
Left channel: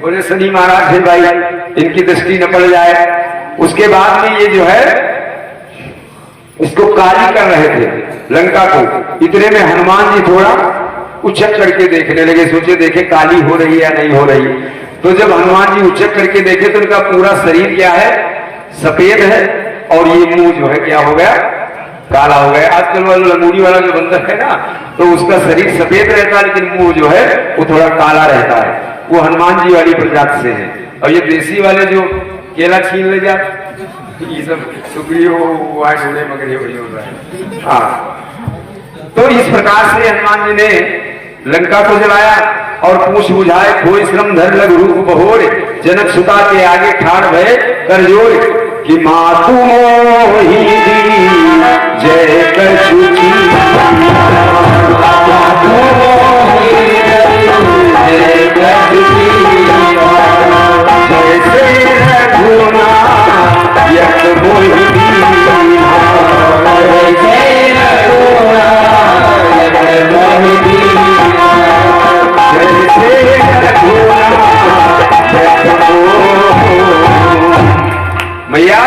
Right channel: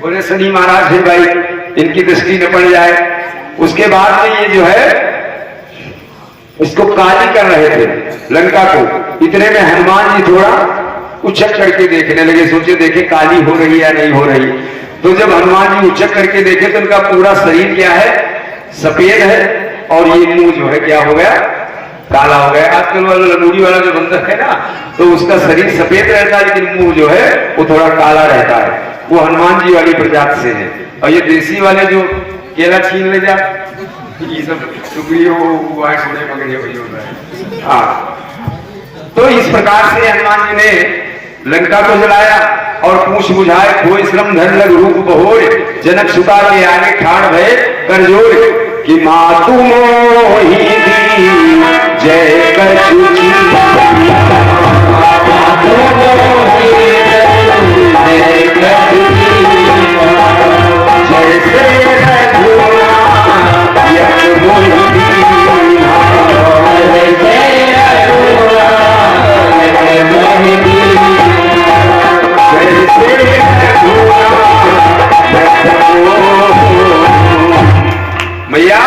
बोले शनि महाराज है भाई, इनकी दृष्टि न पड़ जाए। उसके बाद में ये जो है इसको काली कर रहे थे लंका को। इतने में हनुमान जी थोड़ा उछक करके देखने लगे, सोचे देखे काली हो रही है या नहीं हो रही। तो जब हनुमान जी उछक करके देखे तो उनका पूरा शरीर क्या है, सफेद है, और ये मुंह जो है क्या हो गया, काला हो गया। आजकल वाला लंगूरी वाला जो बंदर है ना, तो उसका शरीर सफेद रहता है लेकिन मुंह जो है वो थोड़ा काला रहता है। वो हनुमान जी वाली प्रजाति से है। और ये देसी वाले जो केला छीन ले जाते, ये सब सुग्रीव घोड़े मगरे वही हो रहा है। हाँ, तो इस प्रकार से हनुमान जी ने लंका को जलाया, और पूछ बुझाए खोए श्रम धर लग रूप बहोर, जनक सुता के आगे ठाड़ भय कर जोर, कि मातु मोहि दी जय कछुची, जैसे रघुना यक मोहि दी, भैया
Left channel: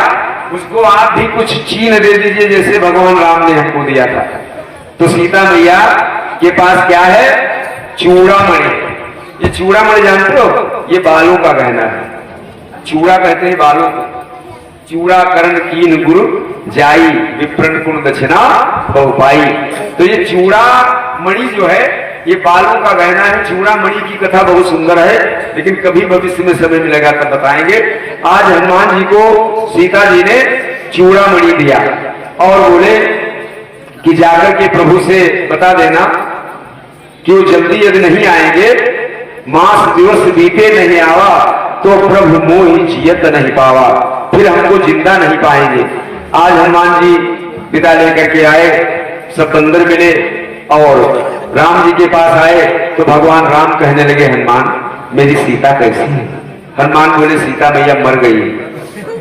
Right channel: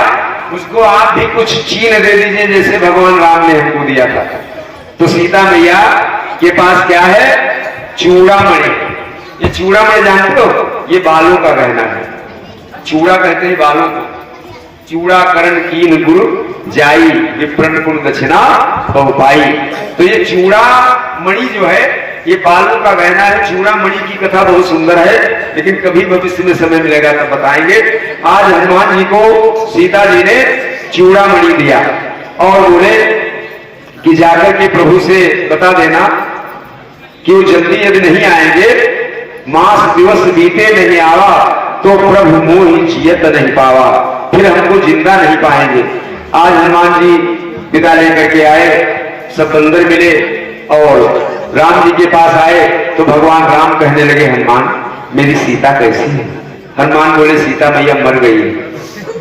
उसको आप भी कुछ चीन दे दीजिए जैसे भगवान राम ने हमको दिया था। तो सीता मैया के पास क्या है, चूड़ामणि। ये चूड़ामणि जानते हो, ये बालों का गहना है। चूड़ा कहते हैं बालों को। चूड़ा करण कीन गुरु जाई, विप्रन कुल दक्षिणा बहुपाई। तो ये चूड़ा मणि जो है ये बालों का गहना है। चूड़ा मणि की कथा बहुत सुंदर है, लेकिन कभी भविष्य में समय मिलेगा तब बताएंगे। आज हनुमान जी को सीता जी ने चूड़ा मणि दिया, और बोले कि जाकर के प्रभु से बता देना कि वो जल्दी यदि नहीं आएंगे, मास दिवस बीते नहीं आवा, तो प्रभु मोहि जियत नहीं पावा, फिर हमको जिंदा नहीं पाएंगे। आज हनुमान जी विदा लेकर के आए, सब बंदर मिले और राम जी के पास आए। तो भगवान राम कहने लगे हनुमान मेरी सीता कैसी है? हनुमान बोले सीता मैया मर गई है।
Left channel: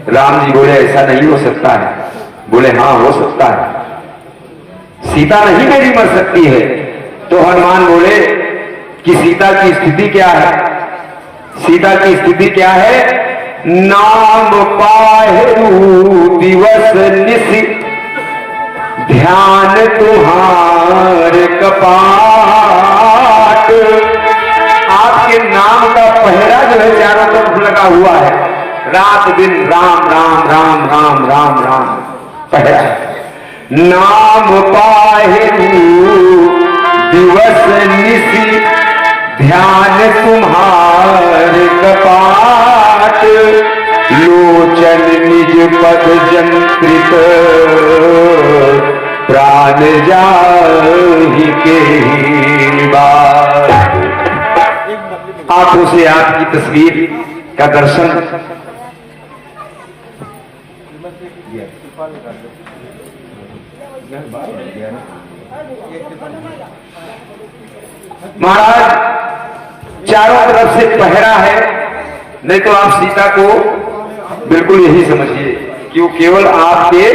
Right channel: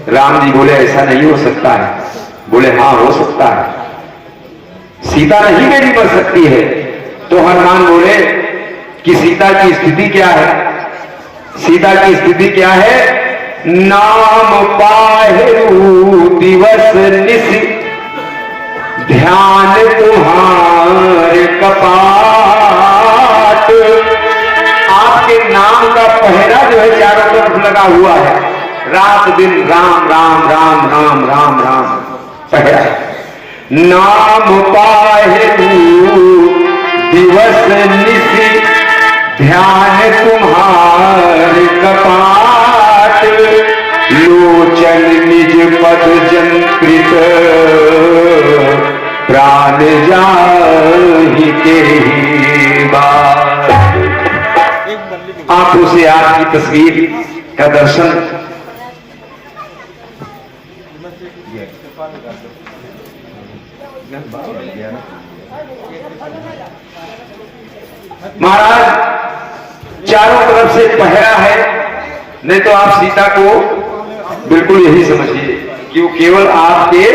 राम जी बोले ऐसा नहीं हो सकता है। बोले हाँ हो सकता है, सीता नहीं मेरी मर सकती है। तो हनुमान बोले कि सीता की स्थिति क्या है? सीता की स्थिति क्या है? नाम पाहु दिवस निशि, ध्यान तुम्हारे कपाल, के नाम का पहरा जो है चारों तरफ लगा हुआ है, रात दिन राम राम राम राम राम राम पहरा है। नाम पाहेलू दिवस निशि ध्यान तुम्हार कपाट, लोचन निज पद जंत्रित प्राण जाहि के बात। आंखों से आपकी तस्वीर का दर्शन महाराज चारों तरफ से पहरा है, नहीं तो आप सीता को बिल्कुल यही समझिए कि वो केवल आपके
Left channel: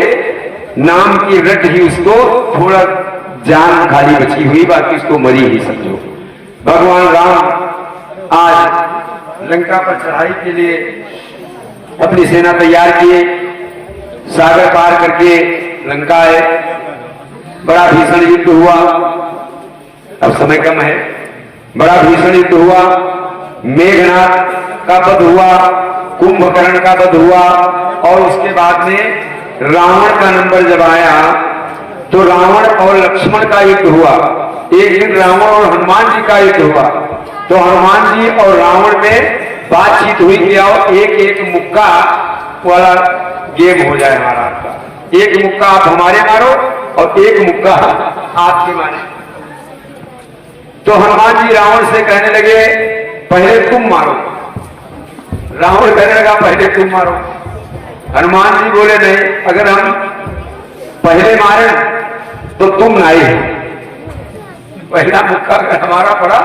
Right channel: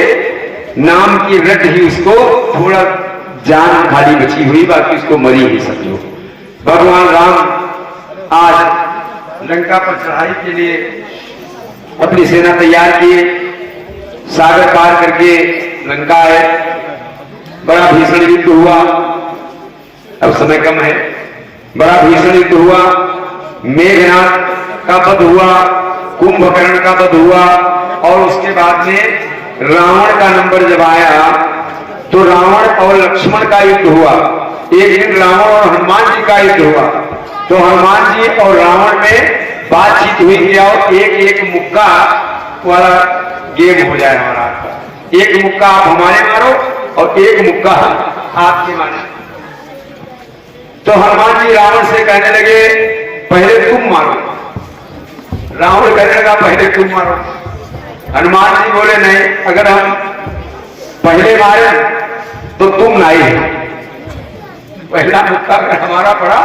नाम की रट ही उसको थोड़ा जान खाली बची हुई, बाकी उसको मरी ही समझो। भगवान राम आज लंका पर चढ़ाई के लिए अपनी सेना तैयार किए, सागर पार करके लंका आए। बड़ा भीषण युद्ध हुआ, अब समय कम है। बड़ा भीषण युद्ध हुआ, मेघनाथ का वध हुआ, कुंभकर्ण का वध हुआ, और उसके बाद में रावण का नंबर जब आया तो रावण और लक्ष्मण का युद्ध हुआ। एक दिन रावण और हनुमान जी का युद्ध हुआ, तो हनुमान जी और रावण में बातचीत हुई कि आओ एक एक मुक्का वाला गेम हो जाए हमारा, एक मुक्का आप हमारे मारो और एक मुक्का आपके मारे। तो हनुमान जी रावण से कहने लगे पहले तुम मारो, रावण कहने लगा पहले तुम मारो। हनुमान जी बोले नहीं, अगर हम पहले मारे तो तुम नहीं, पहला मुक्का अगर हमारा पड़ा